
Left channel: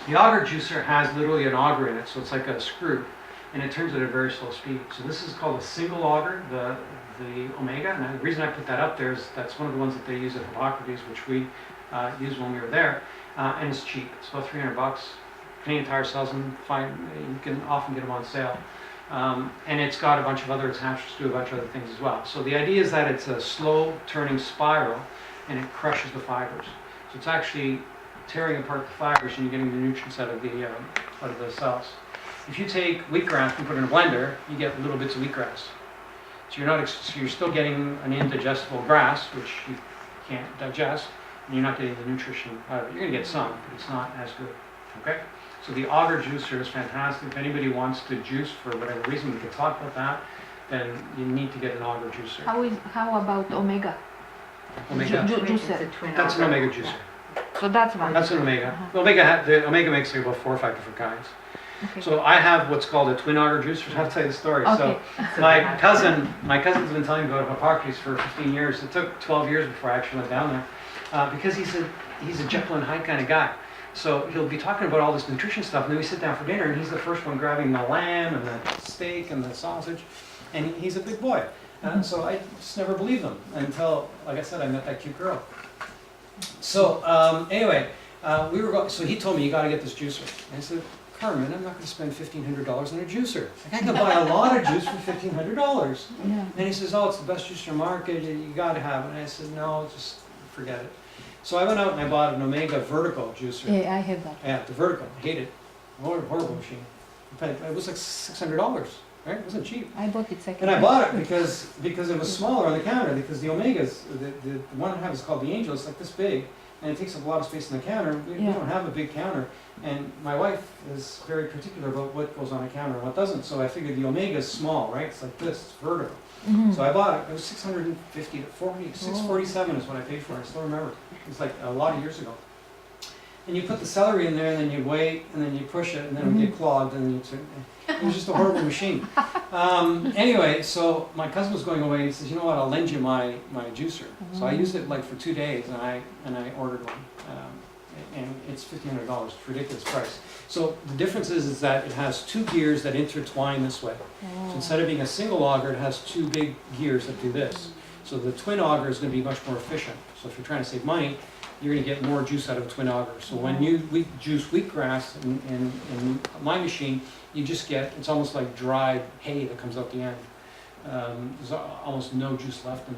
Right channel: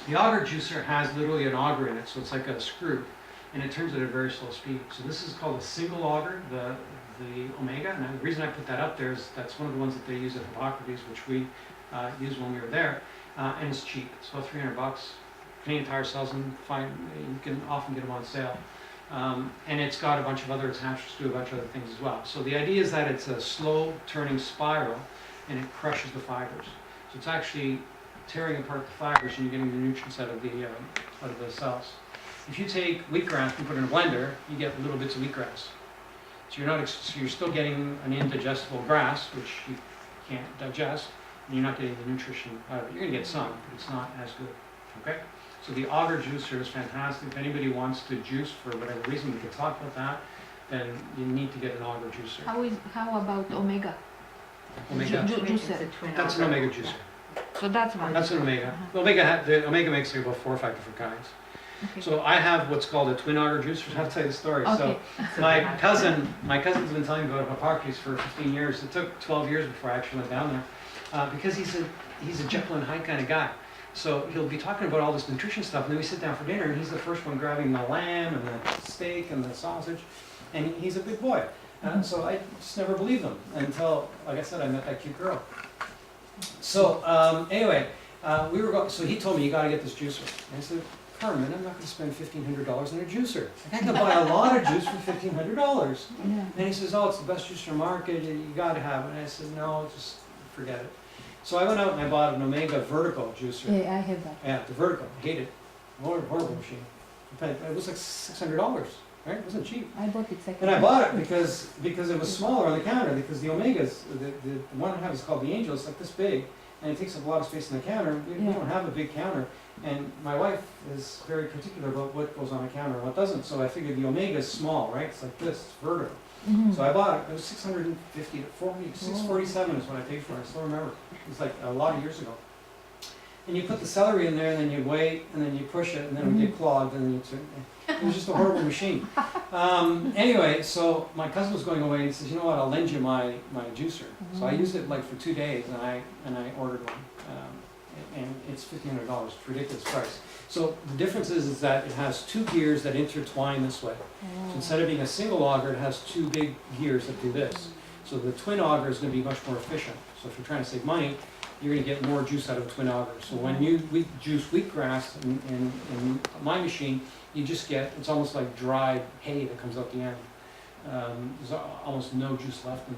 The auger juicer has literally an auger in it, so it's like a screw, and it turns at a very slow speed. So this is called a single auger, the Omega, and the reason I put that up there is that's one of the ones that they use at Hippocrates, which we used when we were there, and it's cheap. It's about $300. Canadian Tire sells them. Fine, you can often get them on sale. And it's got a bunch of other attachments to do a bunch of other things as well. So the idea is that it's a slow turning spiral and it crushes the fibers. So it's actually tearing apart the fibers and you're getting the nutrients out of the cells. If you take wheatgrass and put it in a blender, you get little bits of wheatgrass. So you're still getting an indigestible grass, which you can't digest, and you're not getting the nutrition out of it. You're gonna get some, but it's not as good, okay? So the auger juicer is fantastic. If anybody wants to juice for whatever reason, we can talk about that, then you need to get an auger juicer. How about omega? Omega, Juicer. that's an omega juicer. So that's one. That's an omega. Uh-huh. The omega makes like about 4 or 5 different kinds. Okay. So I have what's called a twin auger juicer. I'll tell you the story. Okay. So my cousin's been telling me about Hippocrates for 15 years. It took 12 years before I actually went down there, because he's a Jekyll and Hyde kind of guy. So he'll be talking about all this nutrition stuff, and then we sit down for dinner, and he's the first one grabbing the lamb and the steak and the sausage, and he's a big boy. So I just never believed him until, like I said, I met that cute girl. So anyway, so he told me, you got to get this juicer. And I said, Carmen, I'm not going to spend $1,500 on a juicer. I can buy a lot of juice for $1,500. Yeah. And he says, oh, it's the best juicer market, you got to have it. And I said, no, just forget it. So I went out and I bought an Omega vertical juicer. Yeah, I have that. Yeah, the vertical, I hate it. Horrible machine. It was like $600, right? It wasn't cheap. I bought it second. And I bought it because it was smaller on the counter, because the Omegas, the one I have is called the Angel, it's like this big, and it takes up a lot of space on the counter. We don't have a big counter, and my wife is very particular about what goes on a counter and what doesn't, so I figured the Omega is small, right? It's like this, it's vertical. Mhm. So I bought it, it was $650 to $647 is what I paid for it, I still remember. It was like a lot of years ago. And you put the celery in there, and then you wait, and then you push it, and then it would get clogged, and then it was just a horrible machine. Anyway, so my cousin was going away, and he says, you know what, I'll lend you my juicer. So I used it like for 2 days, and I ordered one. And it's $1,500, it's a ridiculous price. So the difference is that it has 2 gears that intertwine this way. So instead of being a single auger, it has 2 big gears that do this. So the twin auger is going to be much more efficient. So if you're trying to save money, you're going to get more juice out of a twin auger. So when you juice wheatgrass in my machine, you just get, it's almost like dried hay that comes out the end. There's almost no juice left in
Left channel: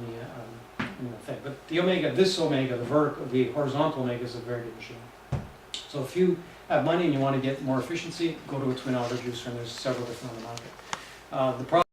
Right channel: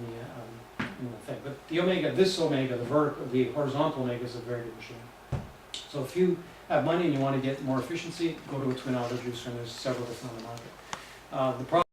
the thing. But the Omega, the horizontal Omega is a very good machine. So if you have money and you want to get more efficiency, go to a twin auger juicer, and there's several different on the market. The problem